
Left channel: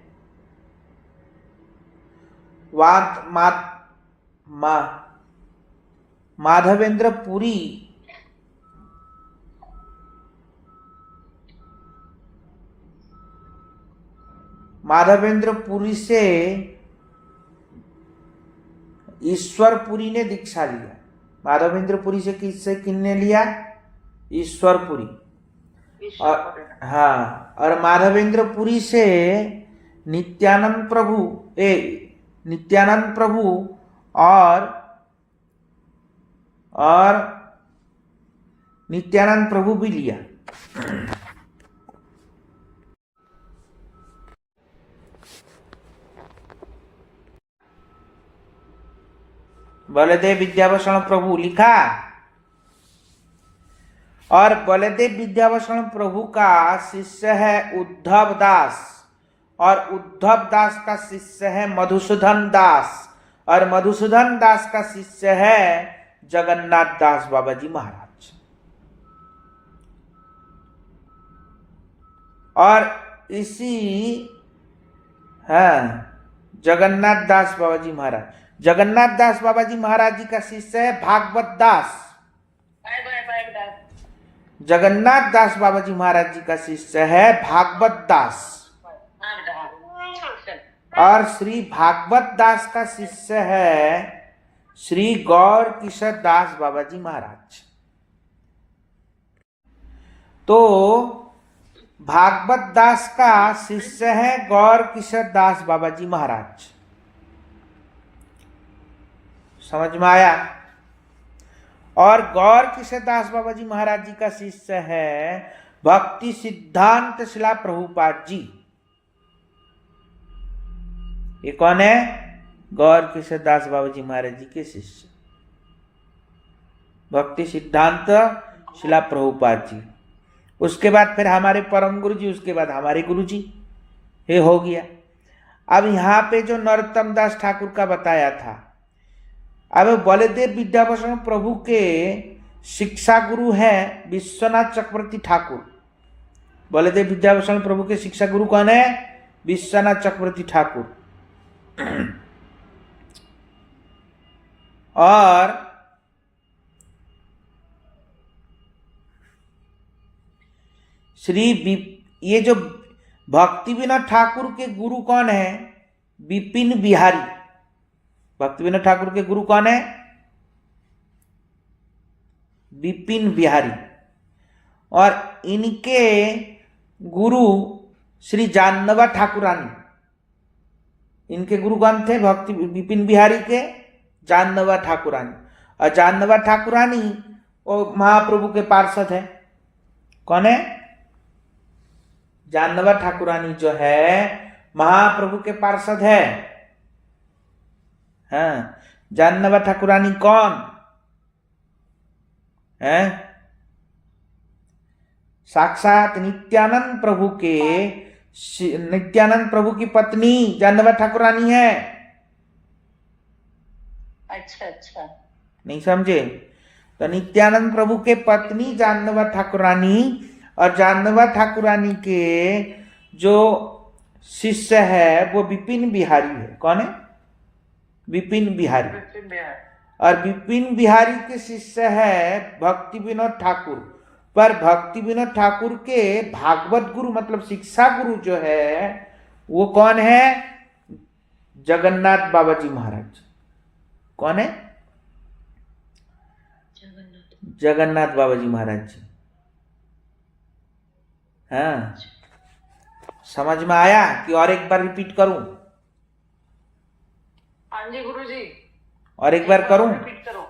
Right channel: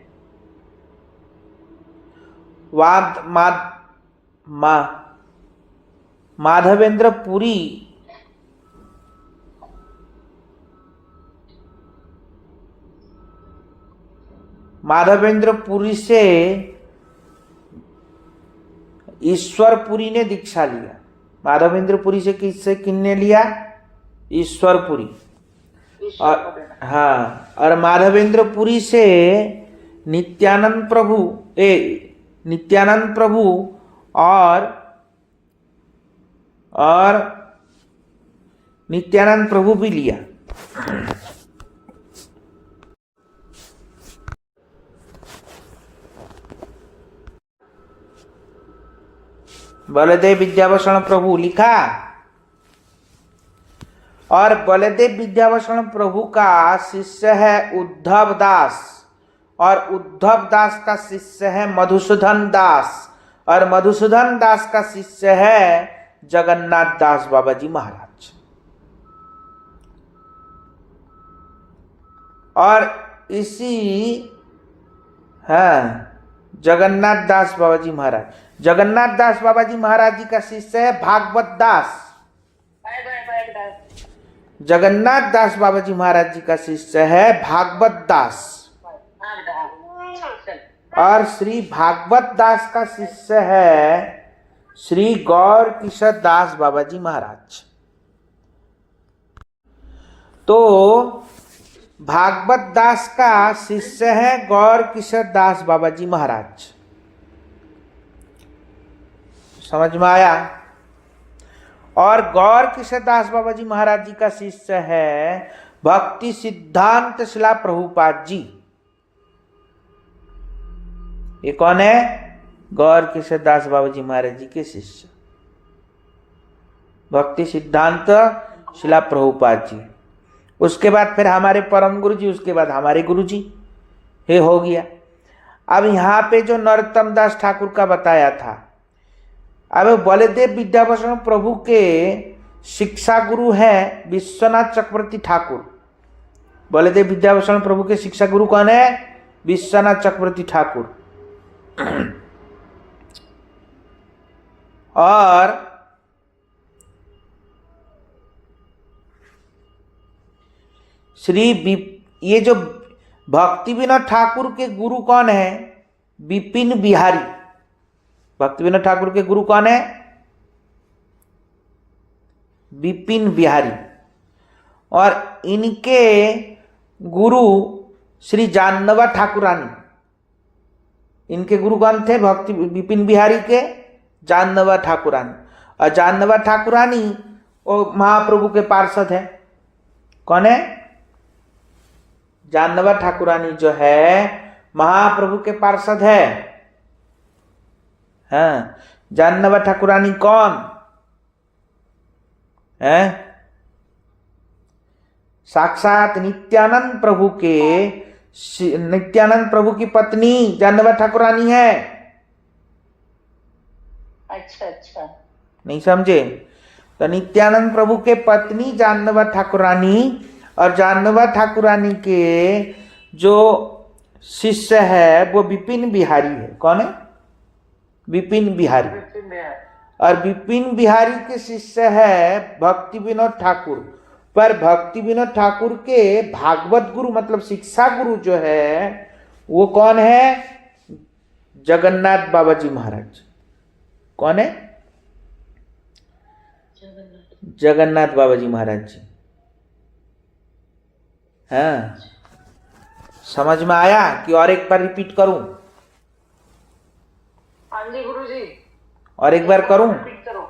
माधवेंद्र पुरी से ईश्वरपुरी ने दीक्षा लिया। माधवेंद्रपुरी से किसने लिया? ईश्वरपुरी। और हाँ, और माधवेंद्रपुरी से नित्यानंद प्रभु और नित्यानंद प्रभु भी लिया। बलदेव विद्याभूषण प्रभु लिखा, और बलदेव विद्याभूषण प्रभु का शिष्य है उद्धव दास, और उद्धव दास का शिष्य है मधुसूदन दास, और मधुसूदन दास का शिष्य है जगन्नाथ दास बाबा जी महाराज। और इसी जगन्नाथ दास बाबा जी महाराज, जगन्नाथ दास बाबा जी महाराज जी का शिष्य है भागवत दास। जगन्नाथ दास बाबा जी महाराज जी का शिष्य है भागवत दास, और श्री भागवत दास का शिष्य है श्री गौर किशोर दास बाबा जी महाराज। तो भागवत दास का शिष्य है गौर किशोर दास बाबा जी महाराज। समझ में आया? और गौर किशोर दास बाबा जी महाराज जी का शिष्य है भक्ति सिद्धांत शिला प्रभुपाद जी। ये कौन है? गौर किशोर दास बाबा जी महाराज जी के शिष्य भक्ति सिद्धांत शिला प्रभुपाद जी। उसके बाद फिर हमारे परम गुरु जी, उसके बाद हमारे गुरु जी, ये हो गया। अब यहाँ पे जो नरोत्तम दास ठाकुर का बताया था, अब बलदेव विद्याभूषण प्रभु के शिक्षा गुरु है विश्वनाथ चक्रवर्ती ठाकुर। बलदेव विद्याभूषण प्रभु के शिक्षा गुरु कौन है? विश्वनाथ चक्रवर्ती ठाकुर। और ये जो भक्ति विनोद ठाकुर के गुरु कौन है? विपिन बिहारी। भक्ति विनोद ठाकुर के गुरु कौन है? विपिन बिहारी। और इनके गुरु श्री जानवा ठाकुरानी, इनके गुरु कौन थे? भक्ति विपिन बिहारी के जानवा ठाकुरानी। और जानवा ठाकुरानी वो महाप्रभु के पार्षद है। कौन है? जानवा ठाकुरानी जो है महाप्रभु के पार्षद है। हाँ, जानवा ठाकुरानी कौन है? साक्षात नित्यानंद प्रभु के, नित्यानंद प्रभु की पत्नी जानवा ठाकुरानी है। अच्छा अच्छा, नहीं समझे? तो नित्यानंद प्रभु के पत्नी जानवा ठाकुरानी और जानवा ठाकुरानी के जो शिष्य है वो विपिन बिहारी है। कौन है? विपिन बिहारी। और विपिन बिहारी के शिष्य है भक्ति विनोद ठाकुर। पर भक्ति विनोद ठाकुर के भागवत गुरु मतलब शिक्षा गुरु जो है वो कौन है? जगन्नाथ बाबा जी महाराज। कौन है? जगन्नाथ बाबा जी महाराज जी। हाँ, समझ में आया कि और एक बार रिपीट करूं? हाँ जी गुरुजी, और एक बार करूं? रिपीट करो।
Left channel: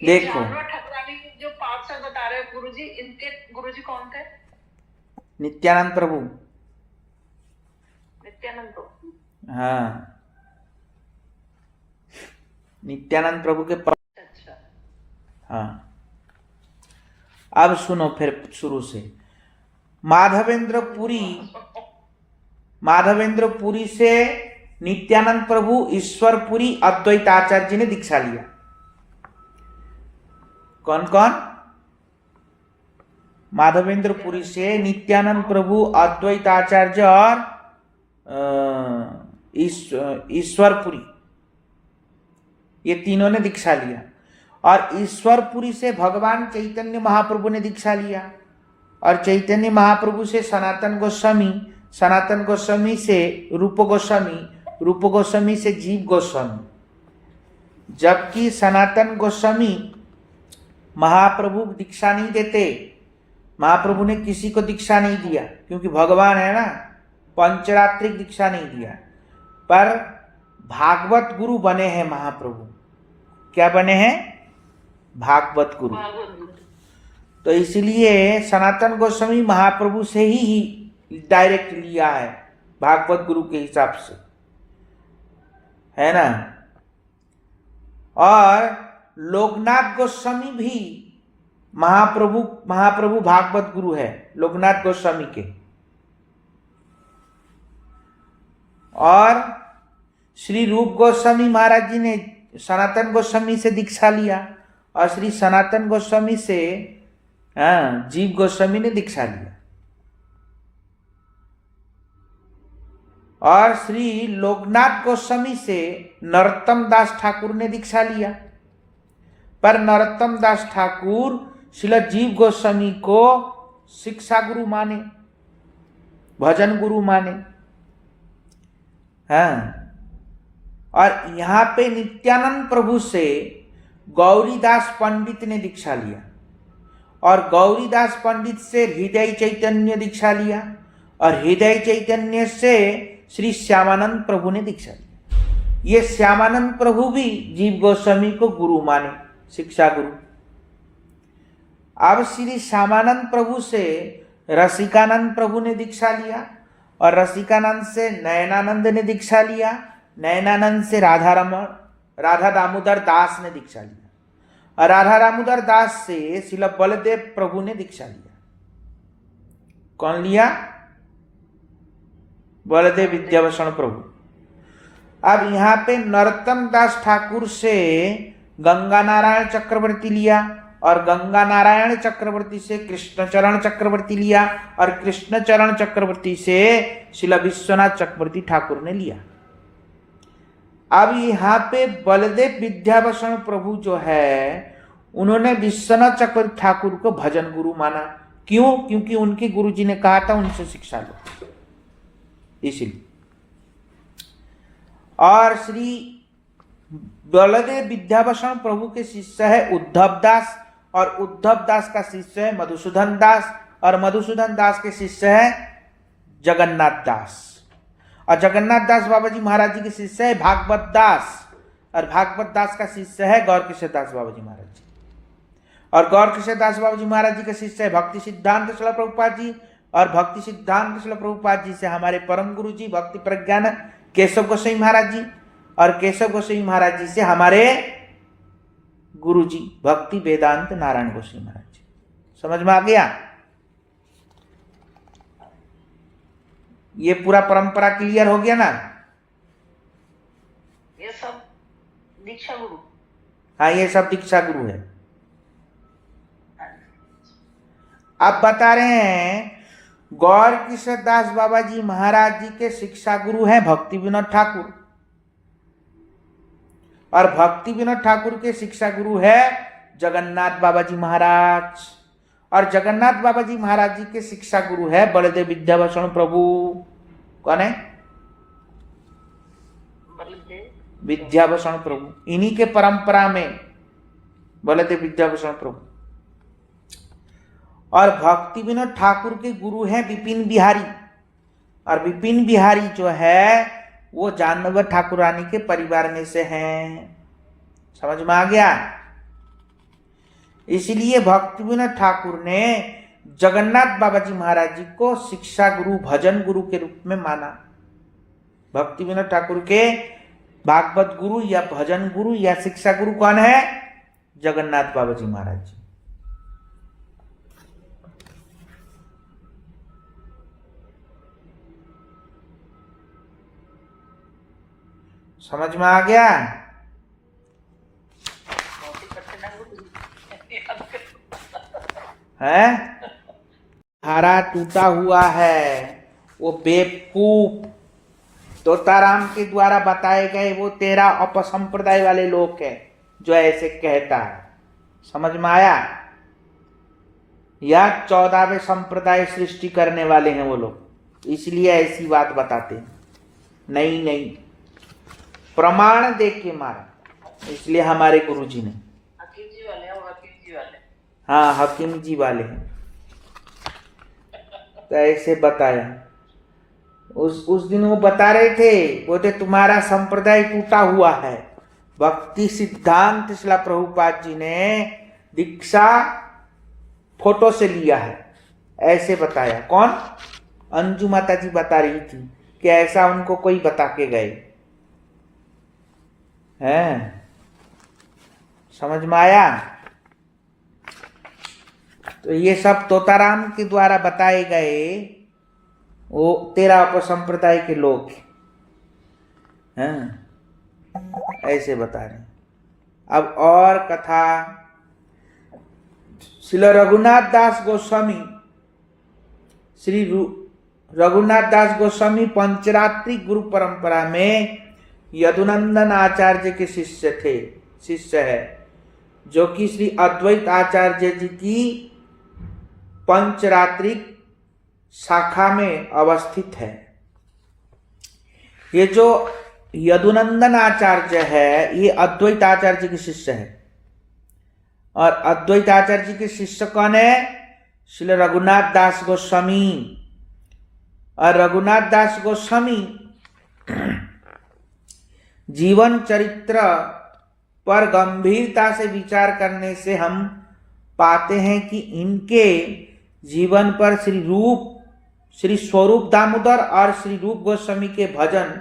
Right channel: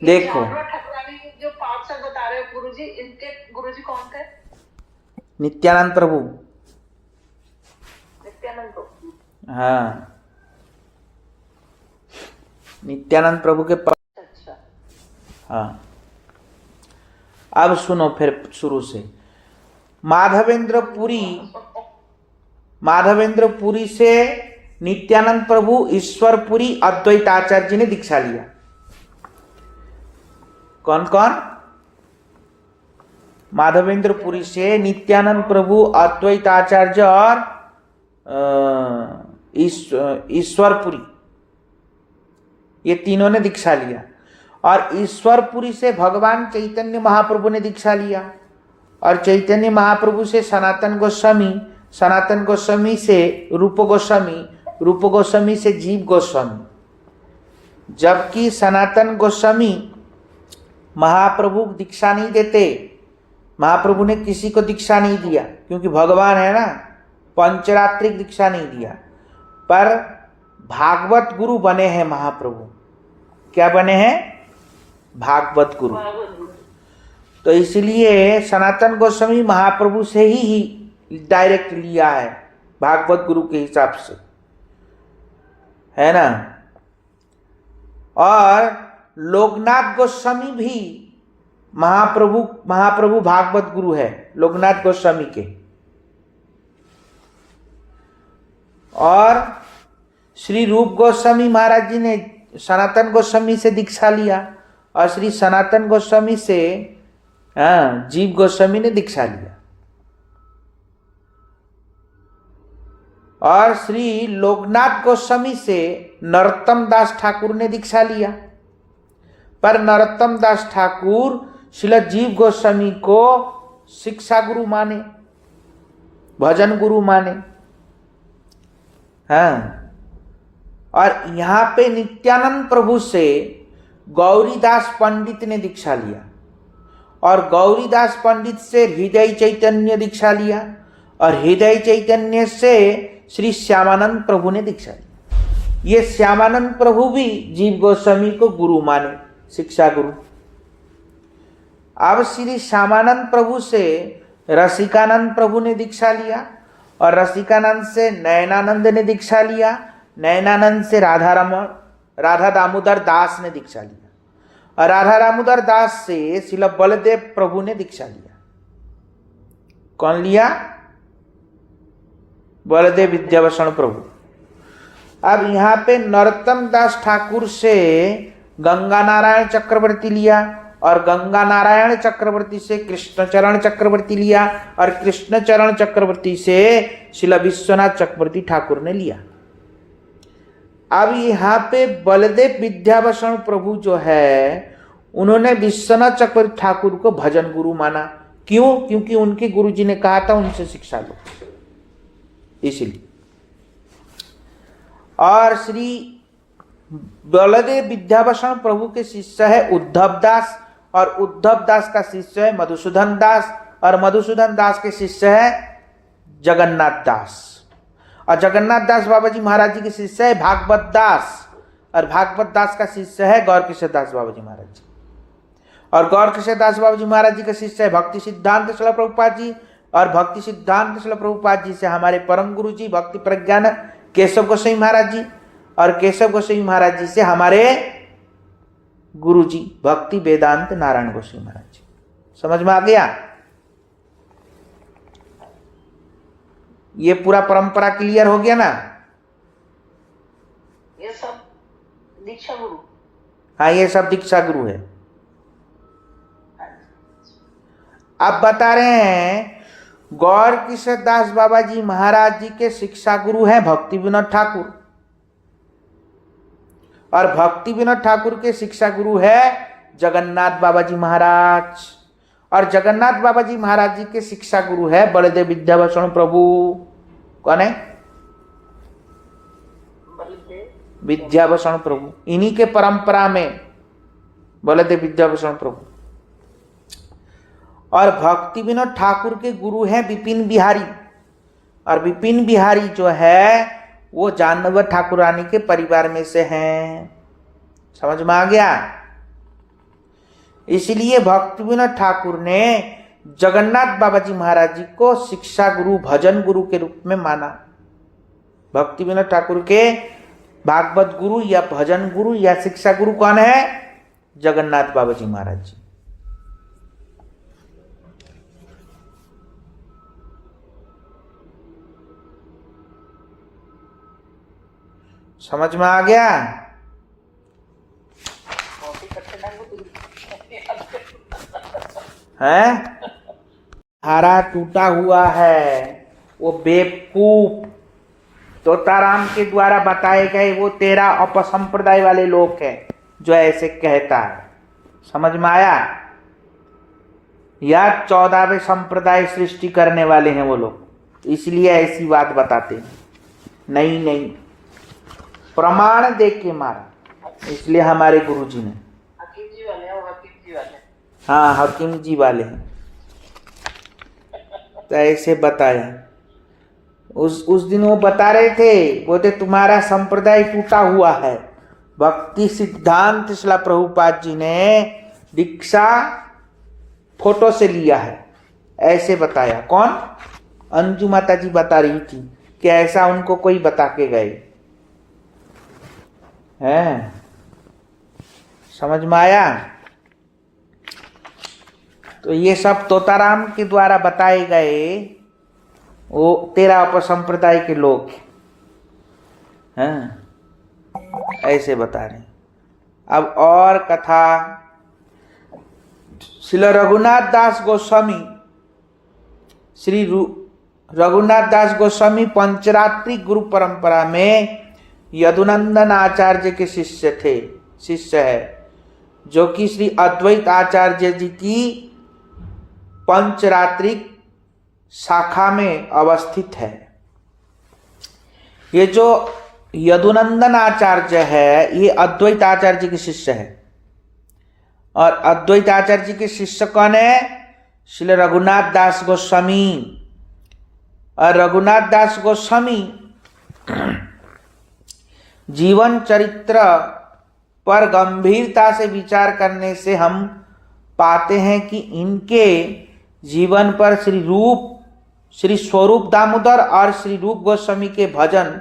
देखो, जानवा ठाकुरानी जो पार्षद बता रहे हो गुरुजी, इनके गुरुजी कौन थे? नित्यानंद प्रभु। नित्यानंद प्रभु। हाँ, नित्यानंद प्रभु के अच्छा। हाँ, अब सुनो फिर शुरू से। माधवेंद्र पुरी से नित्यानंद प्रभु ईश्वरपुरी अद्वैताचार्य जी ने दीक्षा लिया। कौन कौन? माधवेंद्र पुरी से नित्यानंद प्रभु, अद्वैताचार्य और ईश्वरपुरी, ये तीनों ने दीक्षा लिया। और ईश्वरपुरी से भगवान चैतन्य महाप्रभु ने दीक्षा लिया। और चैतन्य महाप्रभु से सनातन गोस्वामी, सनातन गोस्वामी से रूप गोस्वामी, रूप गोस्वामी से जीव गोस्वामी। जबकि सनातन गोस्वामी महाप्रभु दीक्षा नहीं देते, महाप्रभु ने किसी को दीक्षा नहीं दिया क्योंकि भगवान है ना, पंचरात्रिक दीक्षा नहीं दिया। पर भागवत गुरु बने हैं महाप्रभु। क्या बने हैं? भागवत गुरु। तो इसलिए सनातन गोस्वामी महाप्रभु से ही डायरेक्ट लिया है, भागवत गुरु के हिसाब से, है ना। और लोकनाथ गोस्वामी भी महाप्रभु भागवत गुरु है, लोकनाथ गोस्वामी के। और श्री रूप गोस्वामी महाराज जी ने सनातन गोस्वामी से दीक्षा लिया और श्री सनातन गोस्वामी से जीव गोस्वामी ने दीक्षा लिया। और श्री लोकनाथ गोस्वामी से नरोत्तम दास ठाकुर ने दीक्षा लिया। पर नरोत्तम दास ठाकुर श्रील जीव गोस्वामी को शिक्षा गुरु माने, भजन गुरु माने। हाँ, और यहाँ पे नित्यानंद प्रभु से गौरीदास पंडित ने दीक्षा लिया और गौरीदास पंडित से हृदय चैतन्य दीक्षा लिया और हृदय चैतन्य से श्री श्यामानंद प्रभु ने दीक्षा लिया। ये श्यामानंद प्रभु भी जीव गोस्वामी को गुरु माने, शिक्षा गुरु। अब श्री श्यामानंद प्रभु से रसिकानंद प्रभु ने दीक्षा लिया और रसिकानंद से नयनानंद ने दीक्षा लिया, नयनानंद से राधा दामोदर दास ने दीक्षा लिया और राधा दामोदर दास से श्रील बलदेव प्रभु ने दीक्षा लिया। कौन लिया? बलदेव विद्याभूषण प्रभु। अब यहाँ पे नरोत्तम दास ठाकुर से गंगा नारायण चक्रवर्ती लिया और गंगा नारायण चक्रवर्ती से कृष्णचरण चक्रवर्ती लिया और कृष्णचरण चक्रवर्ती से श्रील विश्वनाथ चक्रवर्ती ठाकुर ने लिया। अब यहाँ पे बलदेव विद्याभूषण प्रभु जो है उन्होंने विश्वनाथ चक्रवर्ती ठाकुर को भजन गुरु माना। क्यों? क्योंकि उनके गुरुजी ने कहा था उनसे शिक्षा लो, इसलिए। और श्री बलदेव विद्याभूषण प्रभु के शिष्य है उद्धव दास और उद्धव दास का शिष्य है मधुसूदन दास और मधुसूदन दास के शिष्य है जगन्नाथ दास। और जगन्नाथ दास बाबा जी महाराज जी के शिष्य है भागवत दास, और भागवत दास का शिष्य है गौर किशोर दास बाबा जी महाराज जी, और गौर किशोर दास बाबा जी महाराज जी का शिष्य है भक्ति सिद्धांत शिला प्रभुपाद जी, और भक्ति सिद्धांत शिला प्रभुपाद जी से हमारे परम गुरु जी भक्ति प्रज्ञान केशव गोस्वामी महाराज जी, और केशव गोस्वामी महाराज जी से हमारे गुरु जी भक्ति वेदांत नारायण गोस्वामी महाराज जी। समझ में आ गया? ये पूरा परंपरा क्लियर हो गया ना? ये सब दीक्षा गुरु। हाँ, ये सब दीक्षा गुरु है। अब बता रहे हैं गौर किशोर दास बाबा जी महाराज जी के शिक्षा गुरु हैं भक्ति विनोद ठाकुर, और भक्ति विनोद ठाकुर के शिक्षा गुरु है जगन्नाथ बाबा जी महाराज, और जगन्नाथ बाबा जी महाराज जी के शिक्षा गुरु है बलदेव विद्याभूषण प्रभु। कौन है? विद्याभूषण प्रभु। इन्हीं के परंपरा में बलदेव विद्याभूषण प्रभु। और भक्ति विनोद ठाकुर के गुरु हैं विपिन बिहारी, और विपिन बिहारी जो है वो जानवर ठाकुरानी के परिवार में से हैं। समझ में आ गया? इसलिए भक्ति विनोद ठाकुर ने जगन्नाथ बाबा जी महाराज जी को शिक्षा गुरु भजन गुरु के रूप में माना। भक्ति विनोद ठाकुर के भागवत गुरु या भजन गुरु या शिक्षा गुरु कौन है? जगन्नाथ बाबा जी महाराज जी। समझ में आ गया? है हारा टूटा हुआ है, वो बेवकूफ तोताराम के द्वारा बताए गए वो तेरा अपसंप्रदाय वाले लोग हैं जो ऐसे कहता है। समझ में आया? या 14वें संप्रदाय सृष्टि करने वाले हैं वो लोग, इसलिए ऐसी बात बताते हैं। नहीं नहीं, प्रमाण देख के मारा, इसलिए हमारे गुरु जी ने। हकीम जी वाले हैं, वो हकीम जी वाले। हाँ, हकीम जी वाले हैं। तो ऐसे बताया। उस दिन वो बता रहे थे, बोलते तुम्हारा संप्रदाय टूटा हुआ है। भक्ति सिद्धांत शिला प्रभुपाद जी ने दीक्षा फोटो से लिया है, ऐसे बताया। कौन? अंजू माता जी बता रही थी कि ऐसा उनको कोई बता के गए हैं। समझ में आया? तो ये सब तोताराम के द्वारा बताए गए वो तेरा उपसंप्रदाय के लोग हैं, ऐसे बता रहे। अब और कथा। श्री रघुनाथ दास गोस्वामी, श्री रघुनाथ दास गोस्वामी पंचरात्रि गुरु परंपरा में यदुनंदन आचार्य के शिष्य है, जो कि श्री अद्वैत आचार्य जी की पंचरात्रिक शाखा में अवस्थित है। ये जो यदुनंदन आचार्य है ये अद्वैत आचार्य के शिष्य है, और अद्वैत आचार्य जी के शिष्य कौन है? श्री रघुनाथ दास गोस्वामी। और रघुनाथ दास गोस्वामी जीवन चरित्र पर गंभीरता से विचार करने से हम पाते हैं कि इनके जीवन पर श्री स्वरूप दामोदर और श्री रूप गोस्वामी के भजन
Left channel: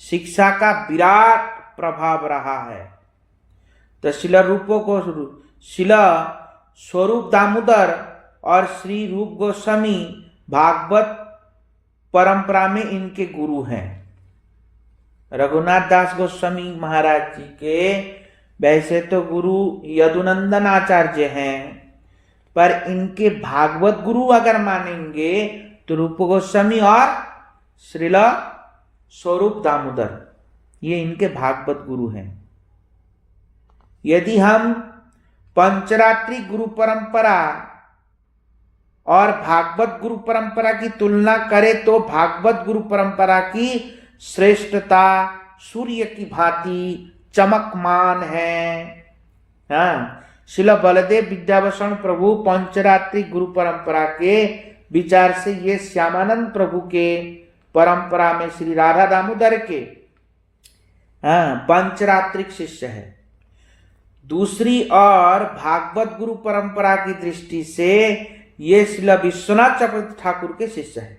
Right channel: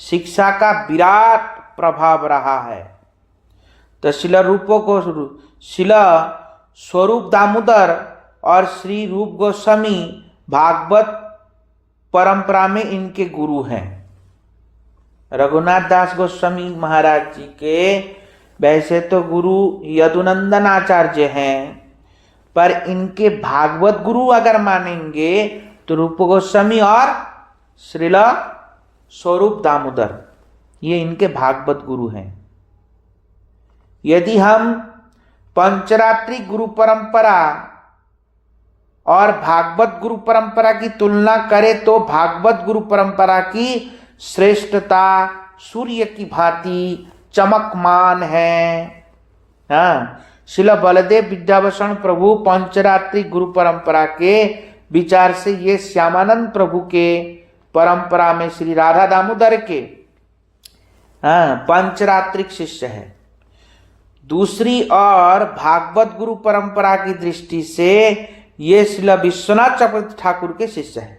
शिक्षा का विराट प्रभाव रहा है। तो शिला स्वरूप दामोदर और श्री रूप गोस्वामी भागवत परंपरा में इनके गुरु हैं। रघुनाथ दास गोस्वामी महाराज जी के वैसे तो गुरु यदुनंदन आचार्य हैं, पर इनके भागवत गुरु अगर मानेंगे तो रूप गोस्वामी और श्रीला स्वरूप दामोदर, ये इनके भागवत गुरु हैं। यदि हम पंचरात्रि गुरु परंपरा और भागवत गुरु परंपरा की तुलना करें तो भागवत गुरु परंपरा की श्रेष्ठता सूर्य की भांति चमकमान है। हाँ, श्रील बलदेव विद्याभूषण प्रभु पंचरात्रि गुरु परंपरा के विचार से ये श्यामानंद प्रभु के परंपरा में श्री राधा दामोदर के पंचरात्रिक शिष्य है। दूसरी ओर भागवत गुरु परंपरा की दृष्टि से ये श्रील विश्वनाथ चक्रवर्ती ठाकुर के शिष्य है।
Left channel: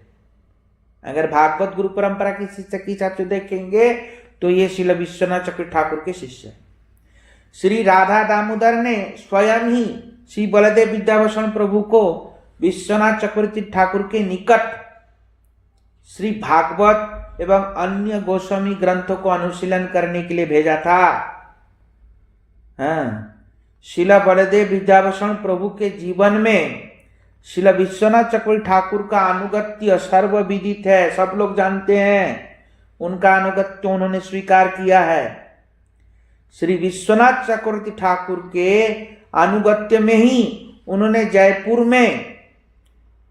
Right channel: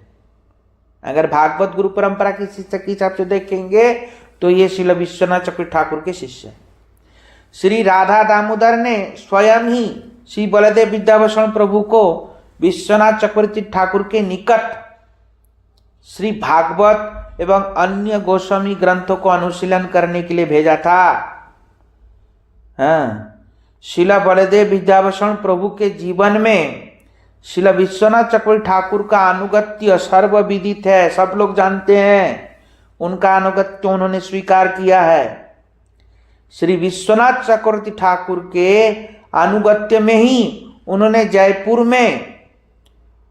अगर भागवत गुरु परंपरा की शिष्य के हिसाब से देखेंगे तो ये श्रील विश्वनाथ चक्रवर्ती ठाकुर के शिष्य है। श्री राधा दामोदर ने स्वयं ही श्री बलदेव विद्याभूषण प्रभु को विश्वनाथ चक्रवर्ती ठाकुर के निकट श्री भागवत एवं अन्य गोस्वामी ग्रंथों को अनुशीलन करने के लिए भेजा था। श्रील बलदेव विद्याभूषण प्रभु के जीवन में श्रील विश्वनाथ चक्रवर्ती ठाकुर का अनुगत्य सर्वविदित है, सब लोग जानते हैं। उनका अनुगत्य उन्होंने स्वीकार किया है। श्री विश्वनाथ चक्रवर्ती ठाकुर के अनुगत्य में ही उन्होंने जयपुर में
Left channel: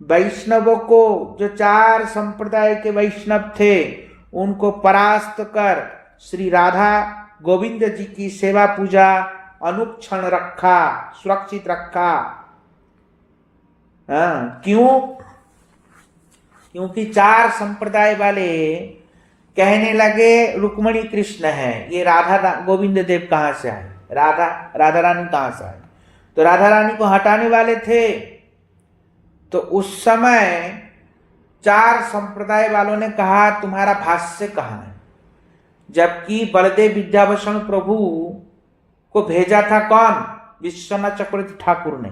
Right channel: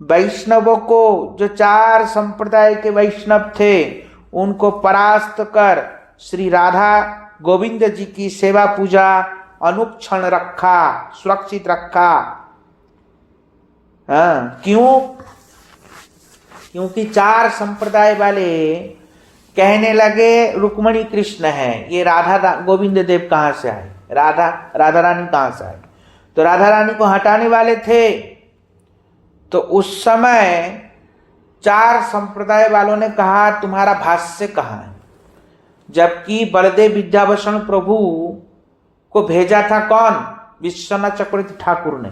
वैष्णवों को, जो 4 संप्रदाय के वैष्णव थे, उनको परास्त कर श्री राधा गोविंद जी की सेवा पूजा अनुक्षण रखा, सुरक्षित रखा। क्यों? क्योंकि 4 संप्रदाय वाले कहने लगे रुक्मणी कृष्ण है, ये राधा गोविंद देव कहाँ से आए, राधा रानी कहाँ से आए? तो राधा रानी को हटाने वाले थे। तो उस समय 4 संप्रदाय वालों ने कहा तुम्हारा भाष्य कहाँ है? जबकि बलदेव विद्याभूषण प्रभु को भेजा था कौन? विश्वनाथ चक्रवर्ती ठाकुर ने,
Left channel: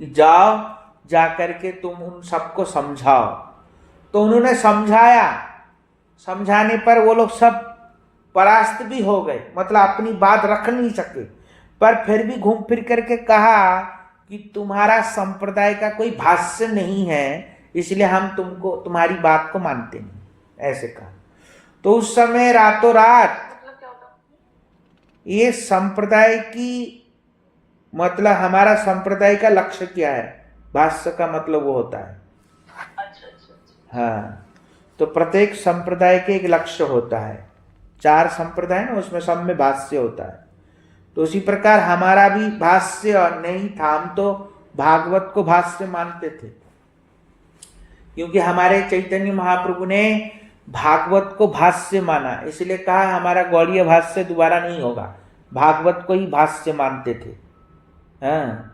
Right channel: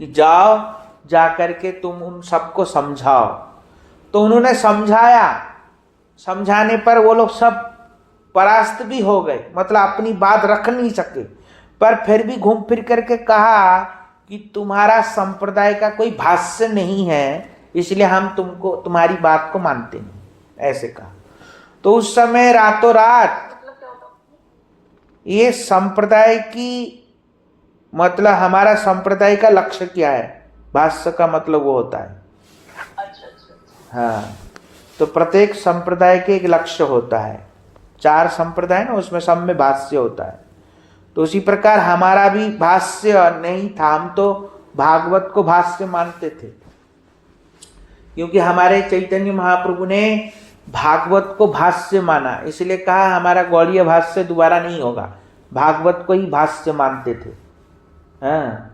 कि जाओ जाकर के तुम उन सबको समझाओ। तो उन्होंने समझाया, समझाने पर वो लोग सब परास्त भी हो गए, मतलब अपनी बात रख नहीं सके। पर फिर भी घूम फिर करके कहा कि तुम्हारा संप्रदाय का कोई भाष्य नहीं है, इसलिए हम तुमको तुम्हारी बात को मानते नहीं, ऐसे कहा। तो उस समय रातों रात ये संप्रदाय की, मतलब हमारा संप्रदाय का लक्ष्य क्या है, भाष्य का मतलब वो होता है। हाँ, तो प्रत्येक संप्रदाय के एक लक्ष्य होता है। 4 संप्रदाय ना, उसमें सब में भाष्य होता है। तो उसी प्रकार हमारा भी भाष्य नहीं था, हम तो भागवत को भाष्य मानते थे, क्योंकि हमारे चैतन्य महाप्रभु ने भागवत को भाष्य माना, इसलिए कहा हमारा गौड़ीय भाष्य दोबारा नहीं होगा, भागवत को ही भाष्य मानते थे। हाँ,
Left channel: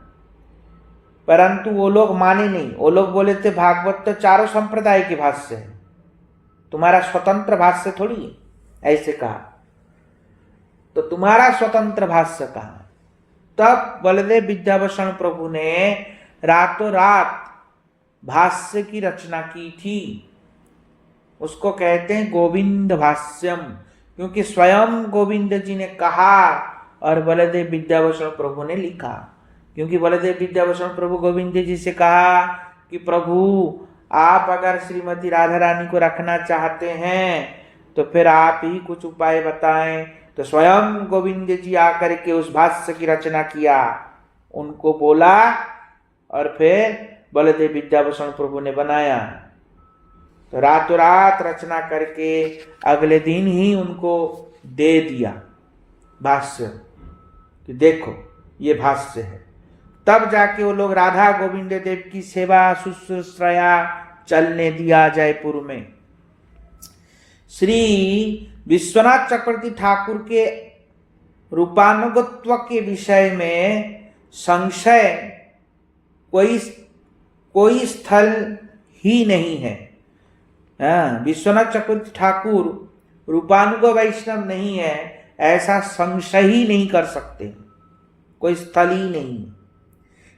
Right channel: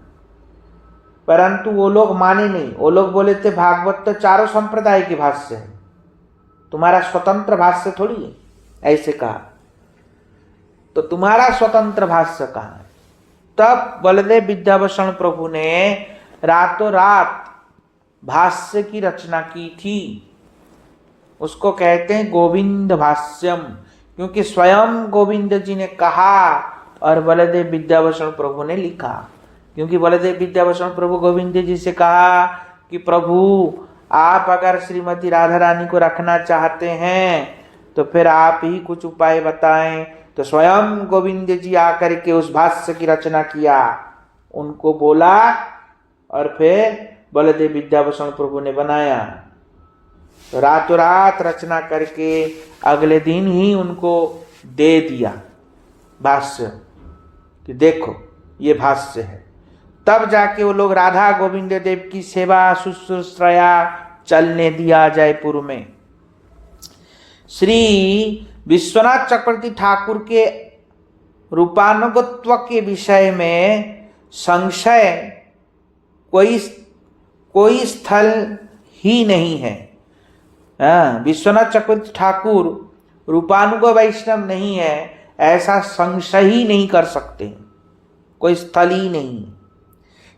परंतु वो लोग माने नहीं, वो लोग बोले थे भागवत तो 4 संप्रदाय के भाष्य है, तुम्हारा स्वतंत्र भाष्य थोड़ी है, ऐसे कहा। तो तुम्हारा स्वतंत्र भाष्य कहाँ है? तब बलदेव विद्याभूषण प्रभु ने रातों रात भाष्य की रचना की थी। उसको कहते हैं गोविंद भाष्यम, क्योंकि स्वयं गोविंद जी ने कहा और बलदेव विद्याभूषण प्रभु ने लिखा। क्योंकि बलदेव विद्याभूषण प्रभु गोविंद जी से कहा कि प्रभु आप अगर श्रीमती राधा रानी को रखना चाहते हैं तो फिर आप ही कुछ उपाय बताएं। तो स्वयं गोविंद जी आकर के उस भाष्य की रचना किया, उनको बोला और फिर बलदेव विद्याभूषण प्रभु ने बनाया। तो रातों रात रचना करके अगले दिन ही उनको दे दिया भाष्य, कि देखो ये भाष्य है। तब जाके वो लोग राधा गोविंद देव की सेवा शुश्रूषया चलने दिया जयपुर में। श्री विश्वनाथ चक्रवर्ती ठाकुर के रूपानुगत्व के विषय में संशय कोई स्थल ही नहीं है। विश्वनाथ चक्रवर्ती ठाकुर रूपानुग वैष्णव नहीं है, ऐसा संशय ही नहीं कर सकते, कोई स्थल ही नहीं।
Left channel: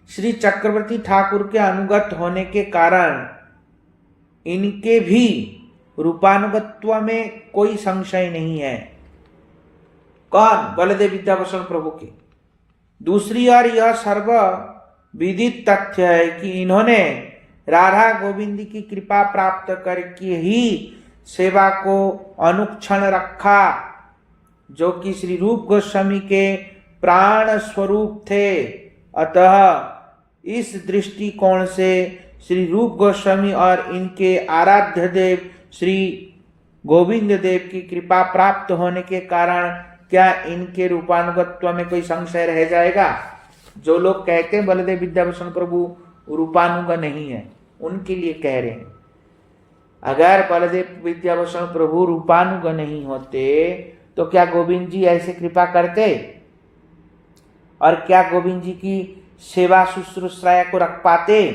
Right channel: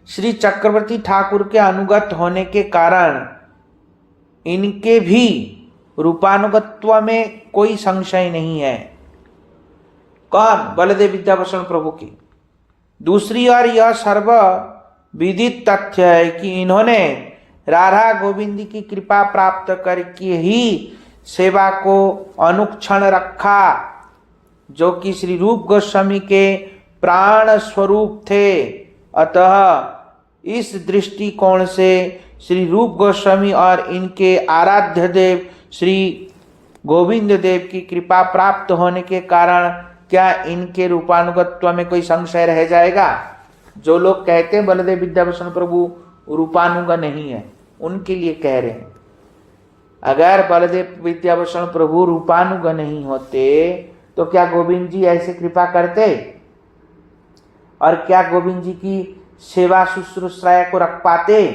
श्री चक्रवर्ती ठाकुर के अनुगत होने के कारण इनके भी रूपानुगत्व में कोई संशय नहीं है। कौन? बलदेव विद्याभूषण प्रभु की। दूसरी ओर यह सर्व विदित तथ्य है कि इन्होंने राधा गोविंद की कृपा प्राप्त करके ही सेवा को अनुक्षण रखा, जो कि श्री रूप गोस्वामी के प्राण स्वरूप थे। अतः इस दृष्टिकोण से श्री रूप गोस्वामी और इनके आराध्य देव श्री गोविंद देव की कृपा प्राप्त होने के कारण क्या इनके रूपानुगत्व में कोई संशय रह जाएगा? जो लोग कहते हैं बलदेव विद्याभूषण प्रभु रूपानुग नहीं है, उनके लिए कह रहे हैं। अगर बलदेव विद्याभूषण प्रभु रूपानुग नहीं होते तो क्या गोविंद जी ऐसे कृपा करते, और क्या गोविंद जी की सेवा शुश्रूषा को रख पाते?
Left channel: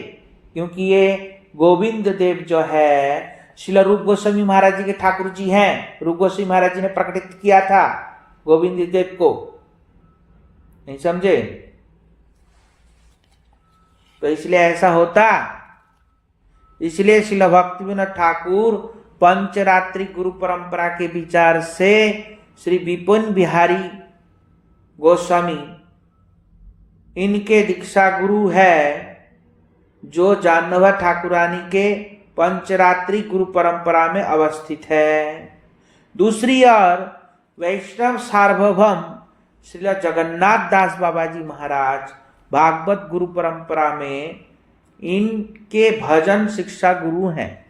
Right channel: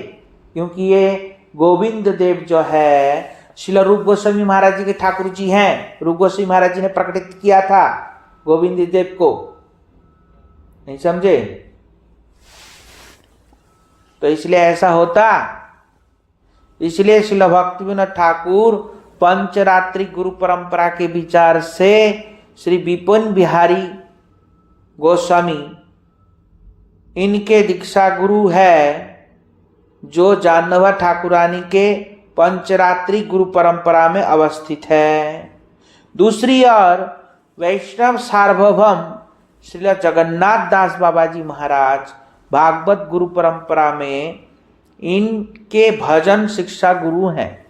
क्योंकि ये गोविंद देव जो है श्रील रूप गोस्वामी महाराज जी के ठाकुर जी हैं। रूप गोस्वामी महाराज जी ने प्रकटित किया था गोविंद देव को, नहीं समझे? तो इसलिए ऐसा होता, इसलिए श्रील भक्तिविनोद ठाकुर पंचरात्रि गुरु परंपरा के विचार से श्री विपिन बिहारी गोस्वामी इनके दीक्षा गुरु है, जो जानवा ठाकुरानी के पंचरात्रि गुरु परंपरा में अवस्थित है। दूसरी ओर वैष्णव सार्वभौम श्री जगन्नाथ दास बाबा जी महाराज भागवत गुरु परंपरा में इनके भजन शिक्षा गुरु हैं।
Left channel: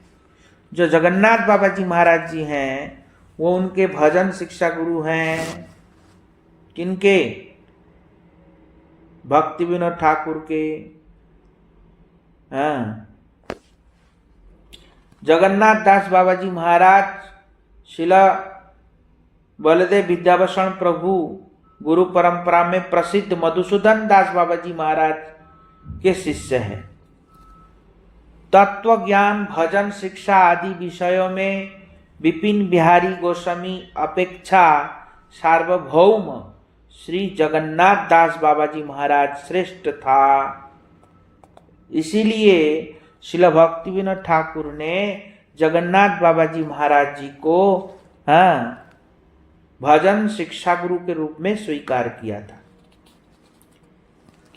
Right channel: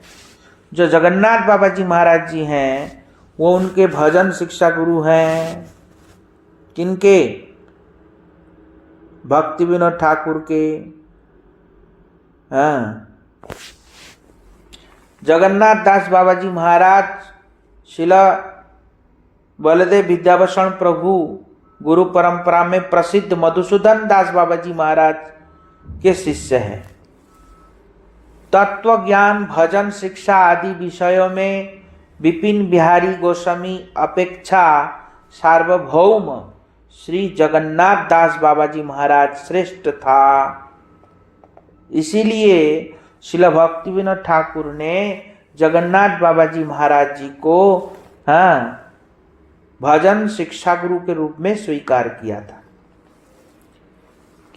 जो जगन्नाथ बाबा जी महाराज जी हैं वो उनके भजन शिक्षा गुरु हैं। किनके? भक्ति विनोद ठाकुर के। हाँ, जगन्नाथ दास बाबा जी महाराज शिला बलदेव विद्याभूषण प्रभु गुरु परंपरा में प्रसिद्ध मधुसूदन दास बाबा जी महाराज के शिष्य हैं। तत्व ज्ञान, भजन शिक्षा आदि विषयों में विपिन बिहारी गोस्वामी अपेक्षा सार्वभौम श्री जगन्नाथ दास बाबा जी महाराज श्रेष्ठ था। इसीलिए श्रील भक्ति विनोद ठाकुर ने जगन्नाथ बाबा जी महाराज जी को भजन शिक्षा गुरु के रूप में स्वीकार किया था।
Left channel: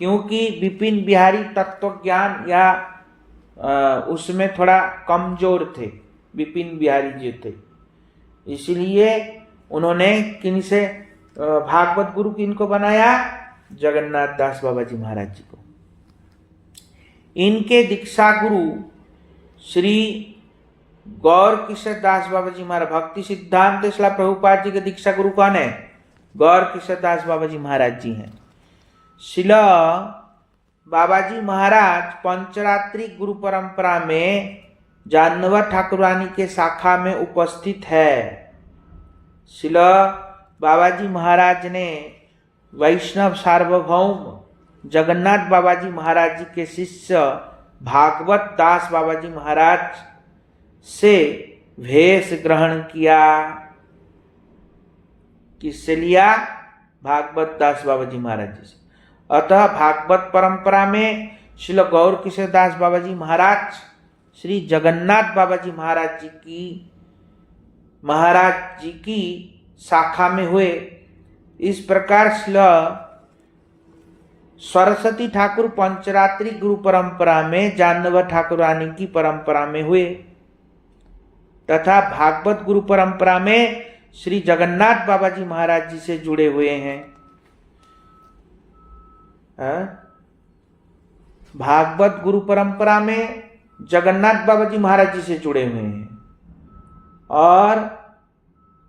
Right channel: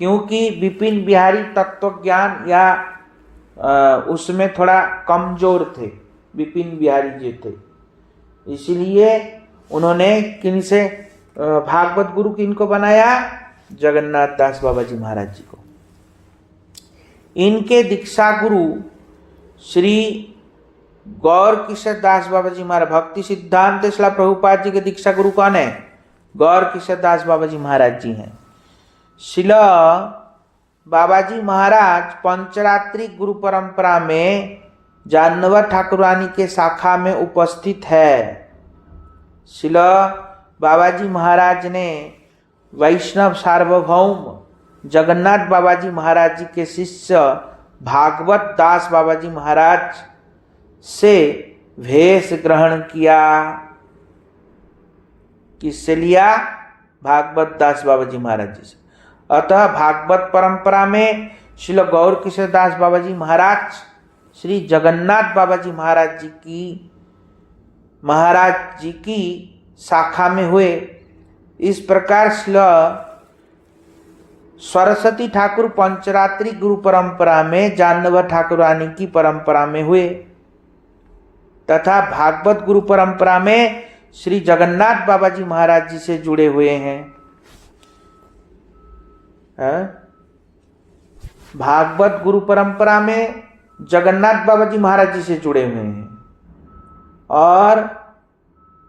क्योंकि विपिन बिहारी तत्व ज्ञान या उसमें थोड़ा कमजोर थे, विपिन बिहारी जी थे। इसलिए उन्होंने किनसे भागवत गुरु किनको बनाया? जगन्नाथ दास बाबा जी महाराज जी को। इनके दीक्षा गुरु श्री गौर किशोर दास बाबा जी महाराज, भक्ति सिद्धांत शिला प्रभुपाद जी के दीक्षा गुरु कौन है? गौर किशोर दास बाबा जी महाराज जी हैं। शिला बाबा जी महाराज पंचरात्रि गुरु परंपरा में जानवा ठाकुरानी के शाखा में उपस्थित है। शिला बाबा जी महाराज ने वैष्णव सार्वभौम जगन्नाथ बाबा जी महाराज जी के शिष्य भागवत दास बाबा जी महाराज से भेष ग्रहण किया। किससे लिया? भागवत दास बाबा जी महाराज जी से। अतः भागवत परंपरा में श्री गौर किशोर दास बाबा जी महाराज श्री जगन्नाथ बाबा जी महाराज जी की शाखा में हुए। इस प्रकार श्री सरस्वती ठाकुर पंचरात्रि गुरु परंपरा में जानवा ठाकुरानी की परंपरा में हुए, तथा भागवत गुरु परंपरा में श्री जगन्नाथ बाबा जी महाराज जी से जुड़े हुए हैं। भागवत गुरु परंपरा में जगन्नाथ बाबा जी महाराज जी से जुड़े हुए हैं, और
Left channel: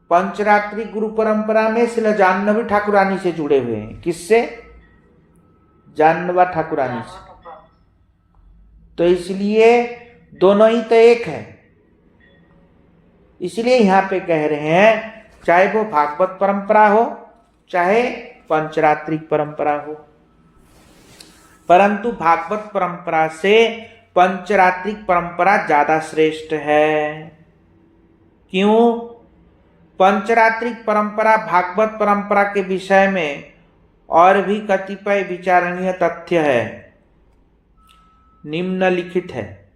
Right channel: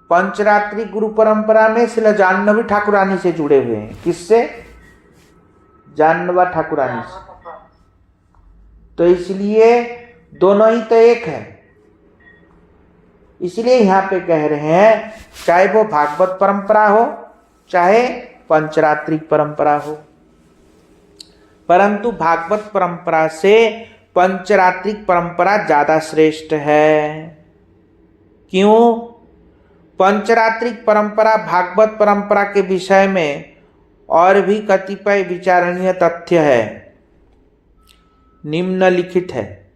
पंचरात्रि गुरु परंपरा में श्री जानवी ठाकुरानी से जुड़े हुए हैं। किससे? जानवा ठाकुरानी से। तो इसलिए दोनों ही तो एक है। इसलिए यहां पे कह रहे हैं चाहे वो भागवत परंपरा हो चाहे पंचरात्रिक परंपरा हो, परंतु भागवत परंपरा से पंचरात्रिक परंपरा ज्यादा श्रेष्ठ है। क्यों? पंचरात्रिक परंपरा भागवत परंपरा के विषय में और भी कतिपय विचारणीय तथ्य है, निम्नलिखित है।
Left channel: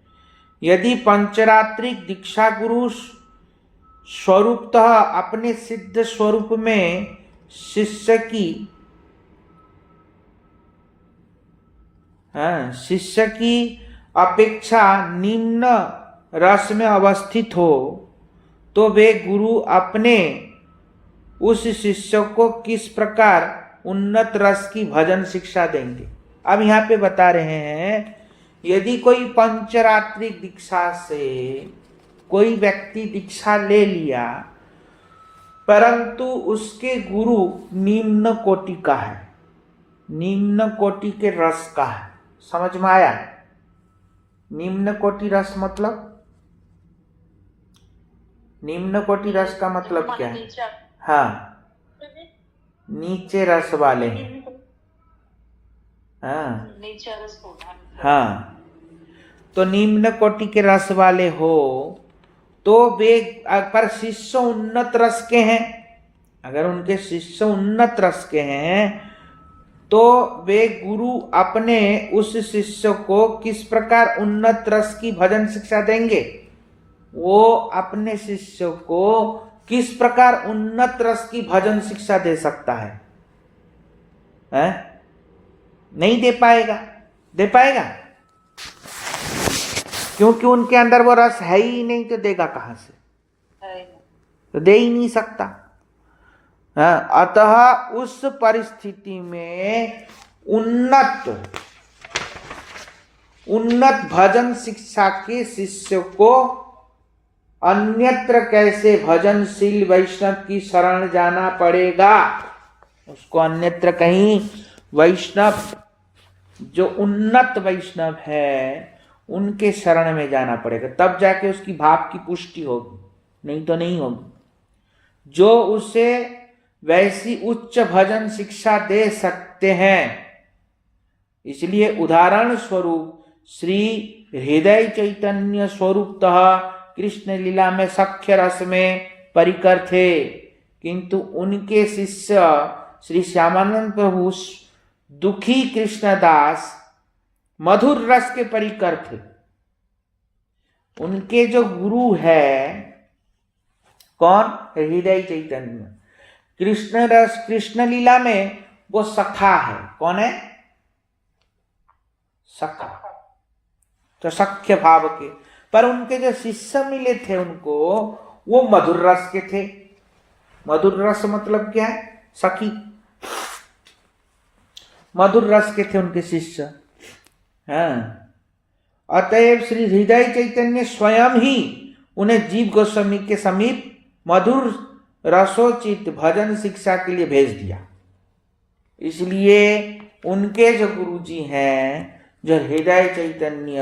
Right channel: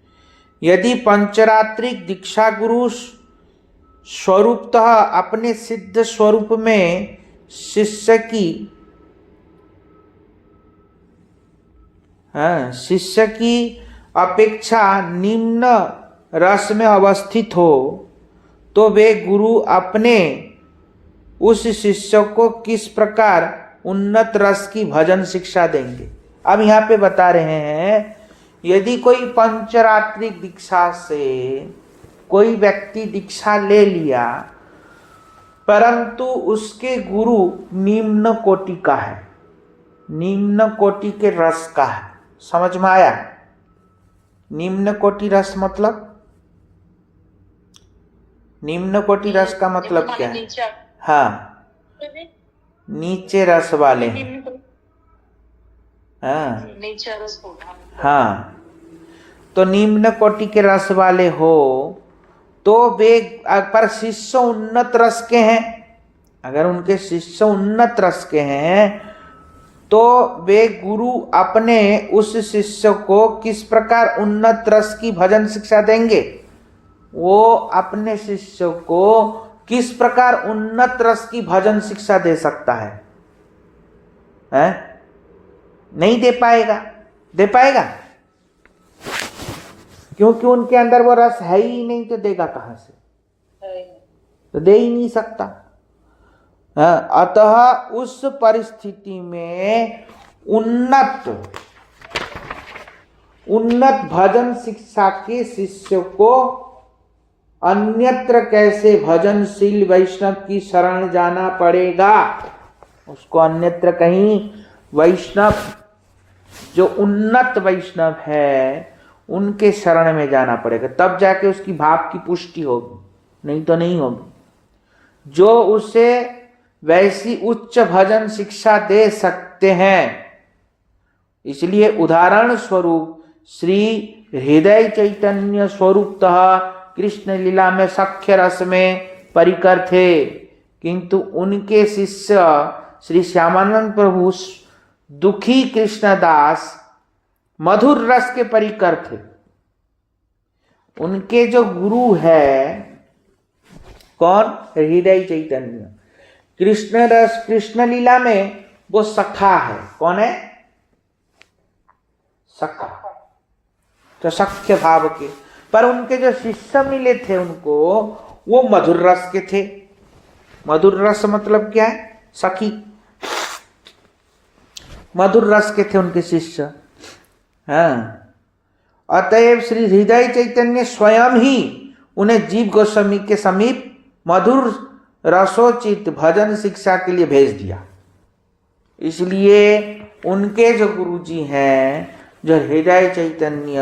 यदि पंचरात्रिक दीक्षा गुरु स्वरूपतः अपने सिद्ध स्वरूप में शिष्य की अपेक्षा निम्न रस में अवस्थित हो, तो वे गुरु अपने उस शिष्य को किस प्रकार उन्नत रस की भजन शिक्षा देंगे। अब यहाँ पे बता रहे हैं, यदि कोई पंचरात्रिक दीक्षा से कोई व्यक्ति दीक्षा ले लिया, परंतु उसके गुरु निम्न कोटि का है, निम्न कोटि के रस का है, समझ में आया? निम्न कोटि रस मतलब, निम्न कोटि रस का मतलब क्या है? हाँ, नीचे रस वाले हैं। हाँ नीचे रस हाँ, तो निम्न कोटि के रस वाले हो तो वे, पर शिष्य उन्नत रस के हैं, अगर उनके शिष्य उन्नत रस के हैं तो वे गुरु अपने उस शिष्य को किस प्रकार उन्नत रस की भजन शिक्षा देंगे? वो अपने शिष्य को किस प्रकार उन्नत रस की भजन शिक्षा दे सकता है? हैं? नहीं दे पाएगा। दे पाएगा? क्योंकि उनके अंदर वो रस है ही नहीं, तो देगा कहां से? तो दे ही नहीं सकता। अतः उस परिस्थिति में उन्नत भजन शिक्षा के शिष्य को अन्यत्र कैसे भजनशील वैष्णव की शरण जाना पड़ेगा? उसको अन्यत्र कहीं वैष्णव, जो उन्नत वैष्णव है उनके शरण में जाना पड़ेगा, तब जाके उसकी भाव की पुष्टि होगी, नहीं तो नहीं होगी। जो उसे वैसी उच्च भजन शिक्षा दे सकते हैं। इसलिए उदाहरण स्वरूप श्री हृदय चैतन्य स्वरूपतः कृष्ण लीला में सख्य रस में परिकर थे, किंतु उनके शिष्य श्री श्यामानंद प्रभु दुखी कृष्णदास मधुर रस के परिकर थे। उनके जो गुरु है कौन? हृदय चैतन्य। कृष्ण रस, कृष्ण लीला में वो सखा है। कौन है? सखा, तो सख्य भाव के। पर उनके जो शिष्य मिले थे उनको, वो मधुर रस के थे। मधुर रस मतलब क्या है? सखी। मधुर रस के थे उनके शिष्य। हाँ, अतएव श्री हृदय चैतन्य स्वयं ही उन्हें जीव गोस्वामी के समीप मधुर रसोचित भजन शिक्षा के लिए भेज दिया। इसलिए उनके जो गुरु जी हैं, जो हृदय चैतन्य,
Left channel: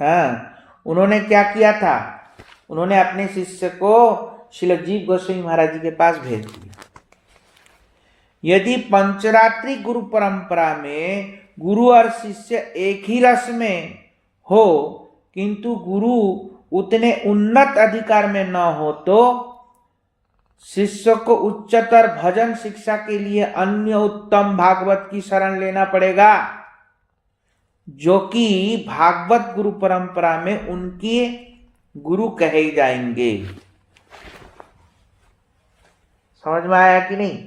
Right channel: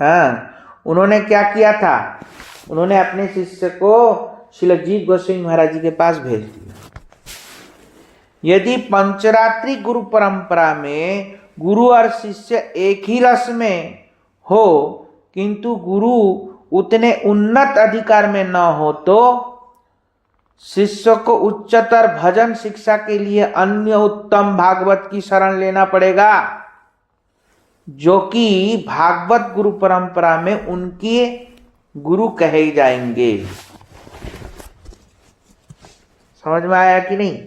हाँ, उन्होंने क्या किया था? उन्होंने अपने शिष्य को श्रील जीव गोस्वामी महाराज जी के पास भेज दिया। यदि पंचरात्रि गुरु परंपरा में गुरु और शिष्य एक ही रस में हो, किंतु गुरु उतने उन्नत अधिकार में न हो, तो शिष्य को उच्चतर भजन शिक्षा के लिए अन्य उत्तम भागवत की शरण लेना पड़ेगा, जो कि भागवत गुरु परंपरा में उनके गुरु कहे जाएंगे। समझ में आया कि नहीं?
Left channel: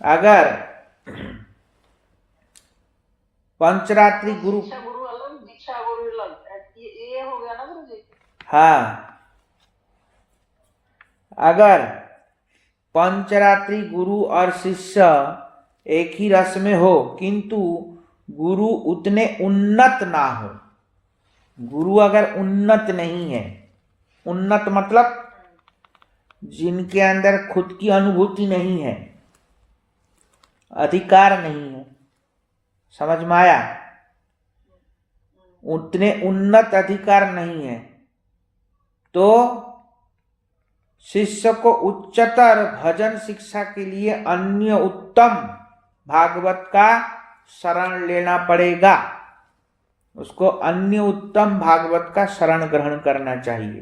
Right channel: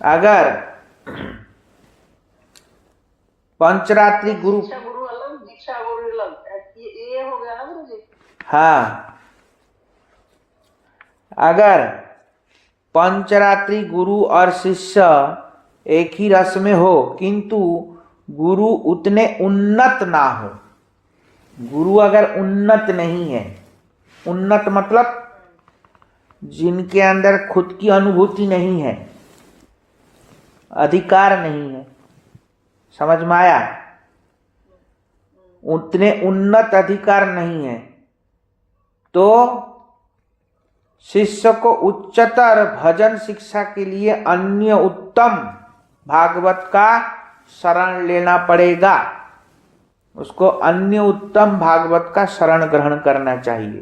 अगर पंचरात्रि गुरु अलग, दीक्षा गुरु अलग, ये हो गया ना गुरु जी? हाँ, अगर पंचरात्रि गुरु और शिष्य एक ही रस में हो, किंतु गुरु उतने उन्नत ना हो, गुरु अगर उन्नत नहीं है, उन्नत मतलब जिनके अंदर खुद की अनुभूति नहीं है, अधिकार नहीं है, समझ में आया? उतने उन्नत अधिकार नहीं है, तो शिष्य को उच्चतर भजन शिक्षा के लिए अन्य उत्तम भागवत का शरण लेना पड़ेगा। उसको अन्य उत्तम भागवत का शरण ग्रहण करना चाहिए।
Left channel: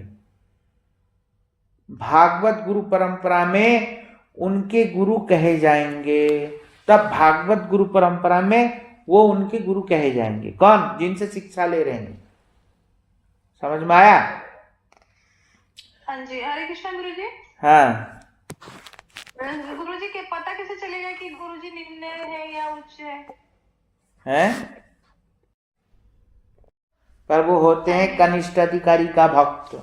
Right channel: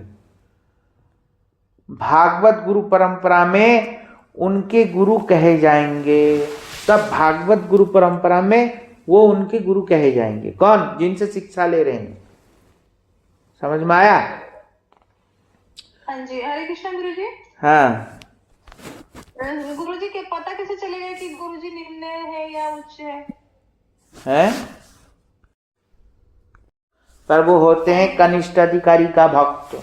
भागवत गुरु परंपरा में उनके गुरु कहे जाएंगे, तब भागवत गुरु परंपरा में वो उनके गुरु कहे जाएंगे। कौन? जिनसे शिक्षा ले रहे हैं। समझ में आया? हाँ जी। हरे कृष्ण गुरु जी। हाँ, गुरु जी के पता कैसे चलेगा कि गुरु जी निम्न है या उच्च है? हैं? पर वो होते हैं कनिष्ठ अधिकारी का भक्त,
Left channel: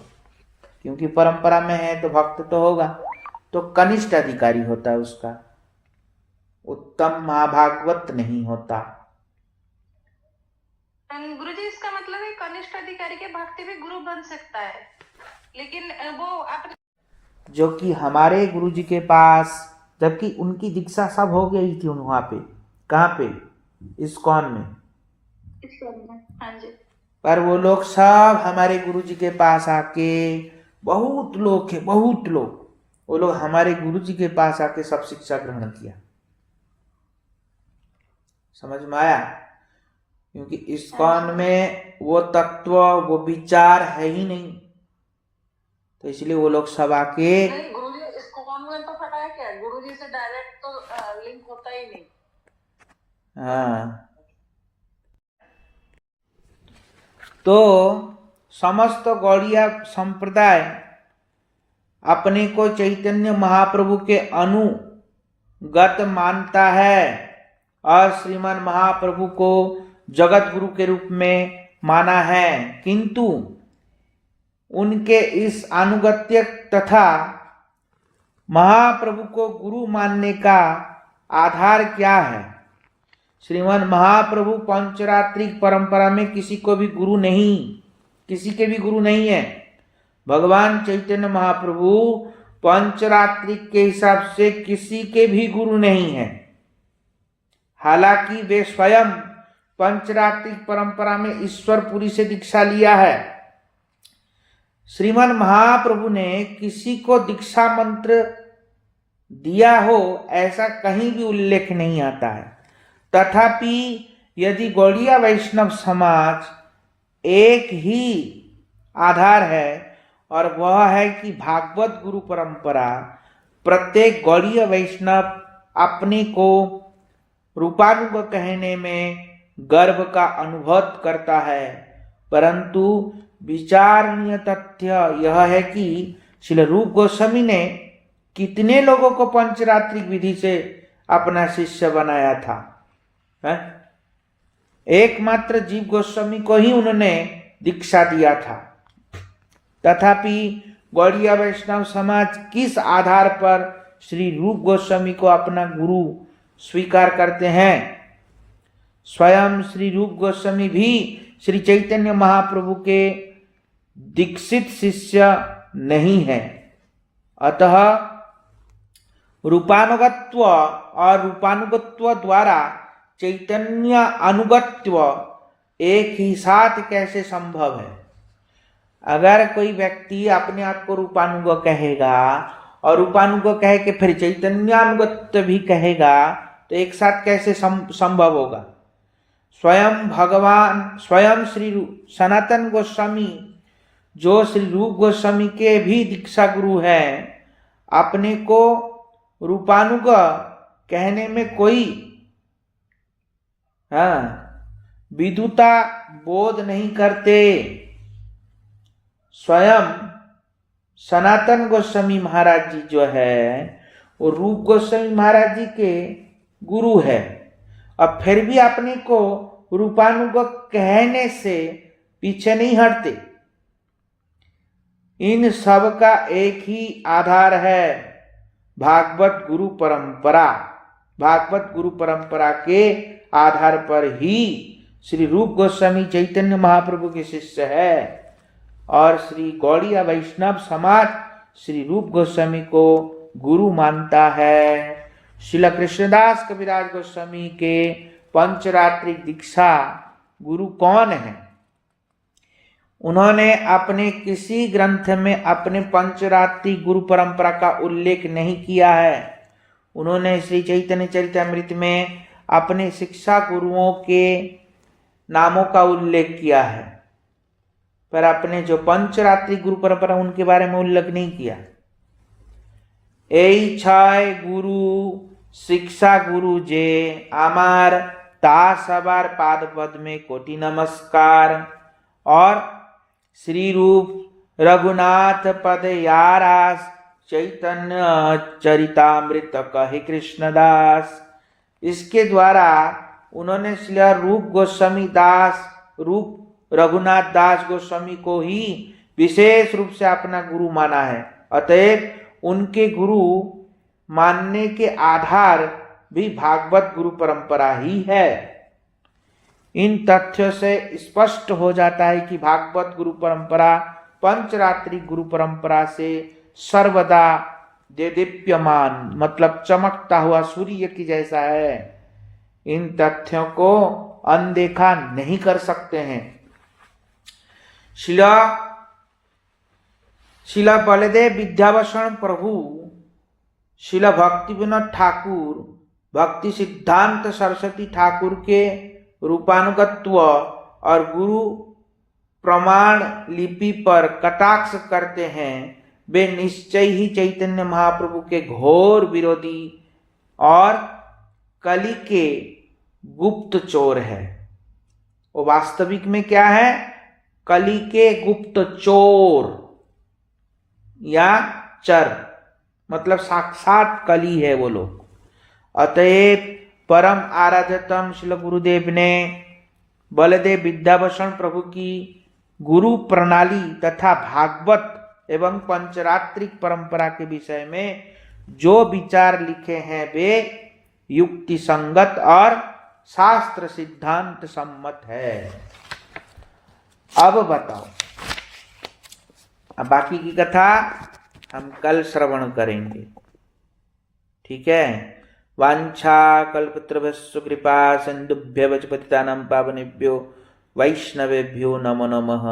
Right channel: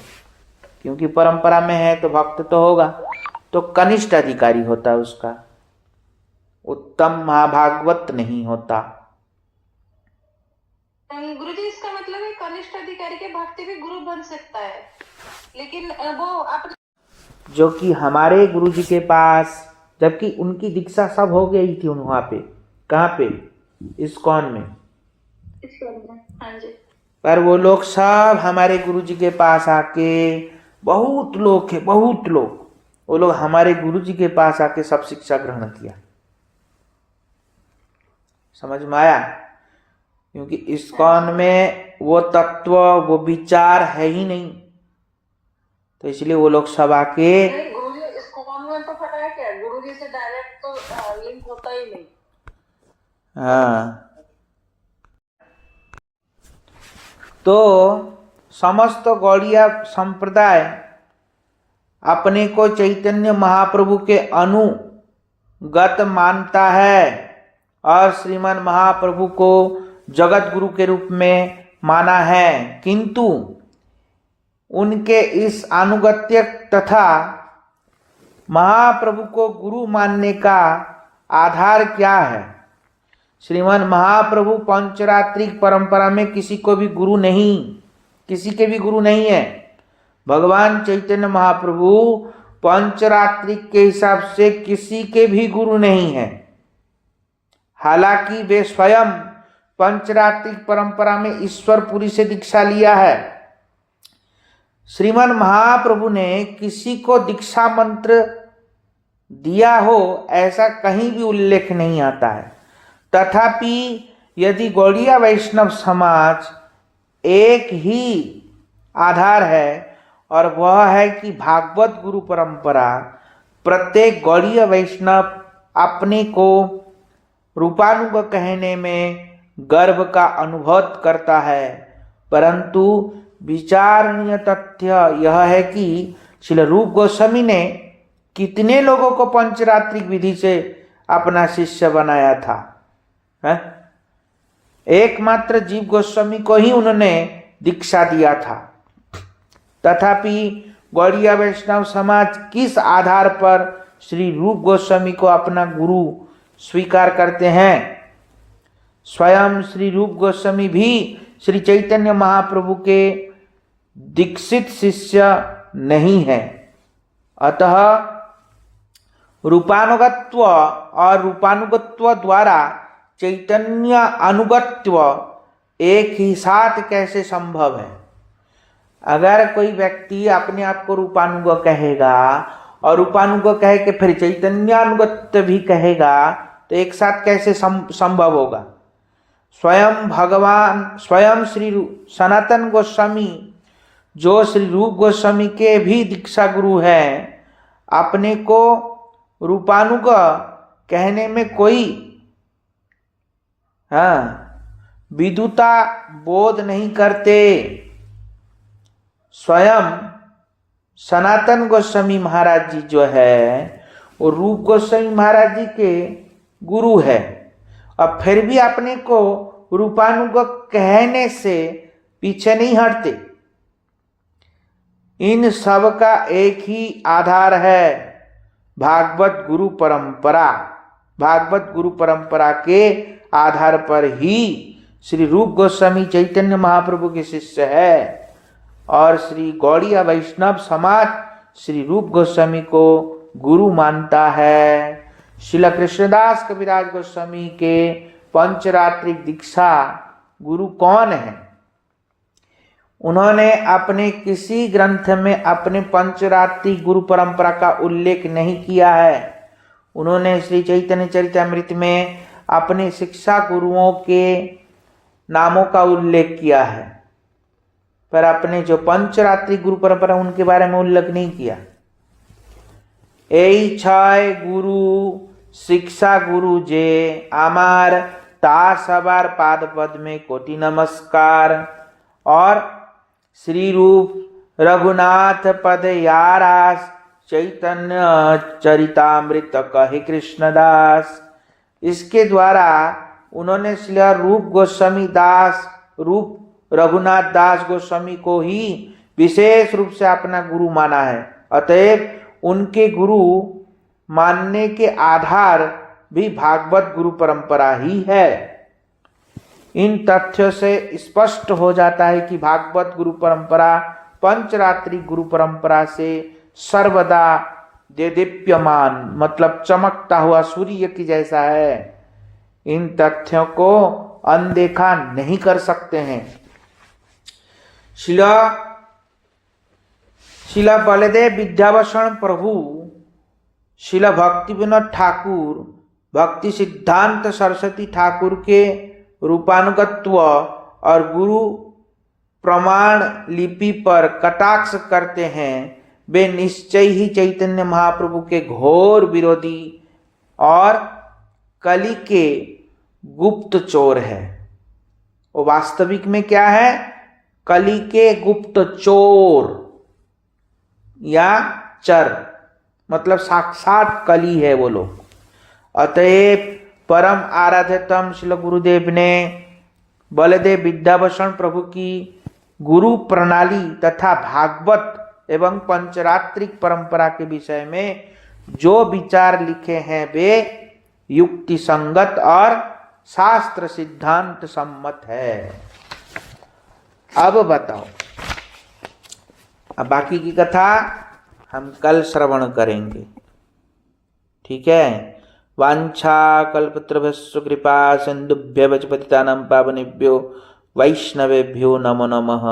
क्योंकि परंपरा में है तो भक्त तो होगा, तो कनिष्ठ अधिकारी होता है उसका, उत्तम महाभागवत नहीं होता। गुरुजी, इसका मतलब है कनिष्ठ अधिकारी के भक्ति भी गुरु बन सकता है, लेकिन वो अपने, जो कि हमारे गुरुजी के पास, जबकि उनकी दीक्षा सब हो गई थी वहां पे, कहाँ पे? इस्कॉन में। हाँ जी। पर वो लोग सब हमारे गुरुजी के पास आके, बहुत लोग है, बहुत लोग, वो लोग हमारे गुरुजी के पास आके सब शिक्षा ग्रहण किया। समझ में आया? क्योंकि इस्कॉन में वो तत्व, वो विचार है ही नहीं, तो इसलिए वो लोग सब आके। गुरुजी इस्कॉन में तो पता है क्या, गुरुजी से डायरेक्ट तो लिंक होता ही नहीं। हाँ, तो समस्त गौड़िया संप्रदाय अपने को चैतन्य महाप्रभु के अनुगत मानता है और श्रीमान महाप्रभु को जगत गुरु के रूप में माना है, किंतु उनके इस अनुगत्य तथा महाप्रभु को गुरु मानने का आधार क्या है? श्रीमान महाप्रभु पंचरात्रिक परंपरा में किसी को भी गुरु नहीं, किसी के भी गुरु नहीं है। भगवान चैतन्य महाप्रभु पंचरात्रिक के हिसाब से किसी के भी गुरु नहीं है। हालांकि वे स्वयं पंचरात्रिक परंपरा में ईश्वरपुरी से दीक्षा लिया है। श्रीमान महाप्रभु ने किसी को दीक्षा मंत्र दिया हो ऐसा कहीं भी उल्लेख नहीं आता है। तथापि यदि गौड़िया वैष्णव समाज एक ही आधार है और वह है कि भागवत गुरु परंपरा, प्रत्येक गौड़ीय वैष्णव अपने को रूपानुग कहने में गर्व का अनुभव करता है, परंतु विचारणीय तथ्य यह है कि श्रील रूप गोस्वामी ने कितने लोगों को पंचरात्रिक विधि से अपना शिष्य बनाया था, है? एकमात्र जीव गोस्वामी को ही उन्होंने दीक्षा दिया था। तथापि गौड़ीय वैष्णव समाज किस आधार पर श्री रूप गोस्वामी को अपना गुरु स्वीकार करते हैं? स्वयं श्री रूप गोस्वामी भी श्री चैतन्य महाप्रभु के दीक्षित शिष्य नहीं है। अतः रूपानुगत्व और रूपानुगत्व द्वारा चैतन्य अनुगत्व एक ही साथ कैसे संभव है? अगर कोई व्यक्ति अपने आप को रूपानुग कहेगा और रूपानुग कह के फिर चैतन्यानुगत्य भी कहेगा तो एक साथ कैसे संभव होगा? स्वयं भगवान, स्वयं श्री सनातन गोस्वामी जो श्री रूप गोस्वामी के भी दीक्षा गुरु हैं, अपने को रूपानुग कहने में कोई विदुता बोध नहीं करते। स्वयं सनातन गोस्वामी महाराज जी जो है वो रूप गोस्वामी महाराज जी के गुरु है और फिर भी अपने को रूपानुग कहने से पीछे नहीं हटते। इन सब का एक ही आधार है, भागवत गुरु परंपरा। भागवत गुरु परंपरा के आधार पर ही श्री रूप गोस्वामी चैतन्य महाप्रभु के शिष्य है और श्री गौड़ीय वैष्णव समाज श्री रूप गोस्वामी को गुरु मानता है। श्रील कृष्णदास कविराज गोस्वामी के पंचरात्रिक दीक्षा गुरु कौन है? उन्होंने अपने किसी ग्रंथ में अपने पंचरात्रिक गुरु परंपरा का उल्लेख नहीं किया है। उन्होंने श्री चैतन्य चरितामृत में अपने शिक्षा गुरुओं के नामों का उल्लेख किया है, पर अपने जो पंचरात्रिक गुरु परंपरा उनके बारे में उल्लेख नहीं किया। এই ছয় গুরু শিক্ষা গুরু যে আমার তা সবার पाद पद में कोटि नमस्कार। और श्री रूप रघुनाथ पद यारास चैतन्य चरितामृत कहे कृष्णदास। इसके द्वारा उन्होंने श्री रूप गोस्वामी दास, रूप रघुनाथ दास गोस्वामी को ही विशेष रूप से अपना गुरु माना है। अतएव उनके गुरु मानने के आधार भी भागवत गुरु परंपरा ही है। इन तथ्यों से स्पष्ट हो जाता है कि भागवत गुरु परंपरा पंचरात्रिक गुरु परंपरा से सर्वदा देदीप्यमान, मतलब चमकता हुआ सूर्य की जैसा है। इन तथ्यों को अनदेखा नहीं कर सकते हैं। शिला बलदेव विद्याभूषण प्रभु, शिला भक्ति विनोद ठाकुर, भक्ति सिद्धांत सरस्वती ठाकुर के रूपानुगत्व और गुरु प्रमाण लिपि पर कटाक्ष करते हैं, वे निश्चय ही चैतन्य महाप्रभु के घोर विरोधी और कली के गुप्त चोर है। वो वास्तविक में क्या है? कली के गुप्त चोर या चर, मतलब साक्षात कली है वो लोग। अतएव परम आराध्यतम श्री गुरुदेव ने बलदेव विद्याभूषण प्रभु की गुरु प्रणाली तथा भागवत एवं पंचरात्रिक परंपरा के विषय में जो विचार लिखे हैं वे युक्ति संगत और शास्त्र सिद्धांत सम्मत है। अब बताओ, अब बाकी की कथा हम कल श्रवण करेंगे, ठीक है। वांछा कल्पतरुभ्यश्च कृपा सिंधुभ्यः च पतितानां पावनेभ्यो वैष्णवेभ्यो नमो नमः।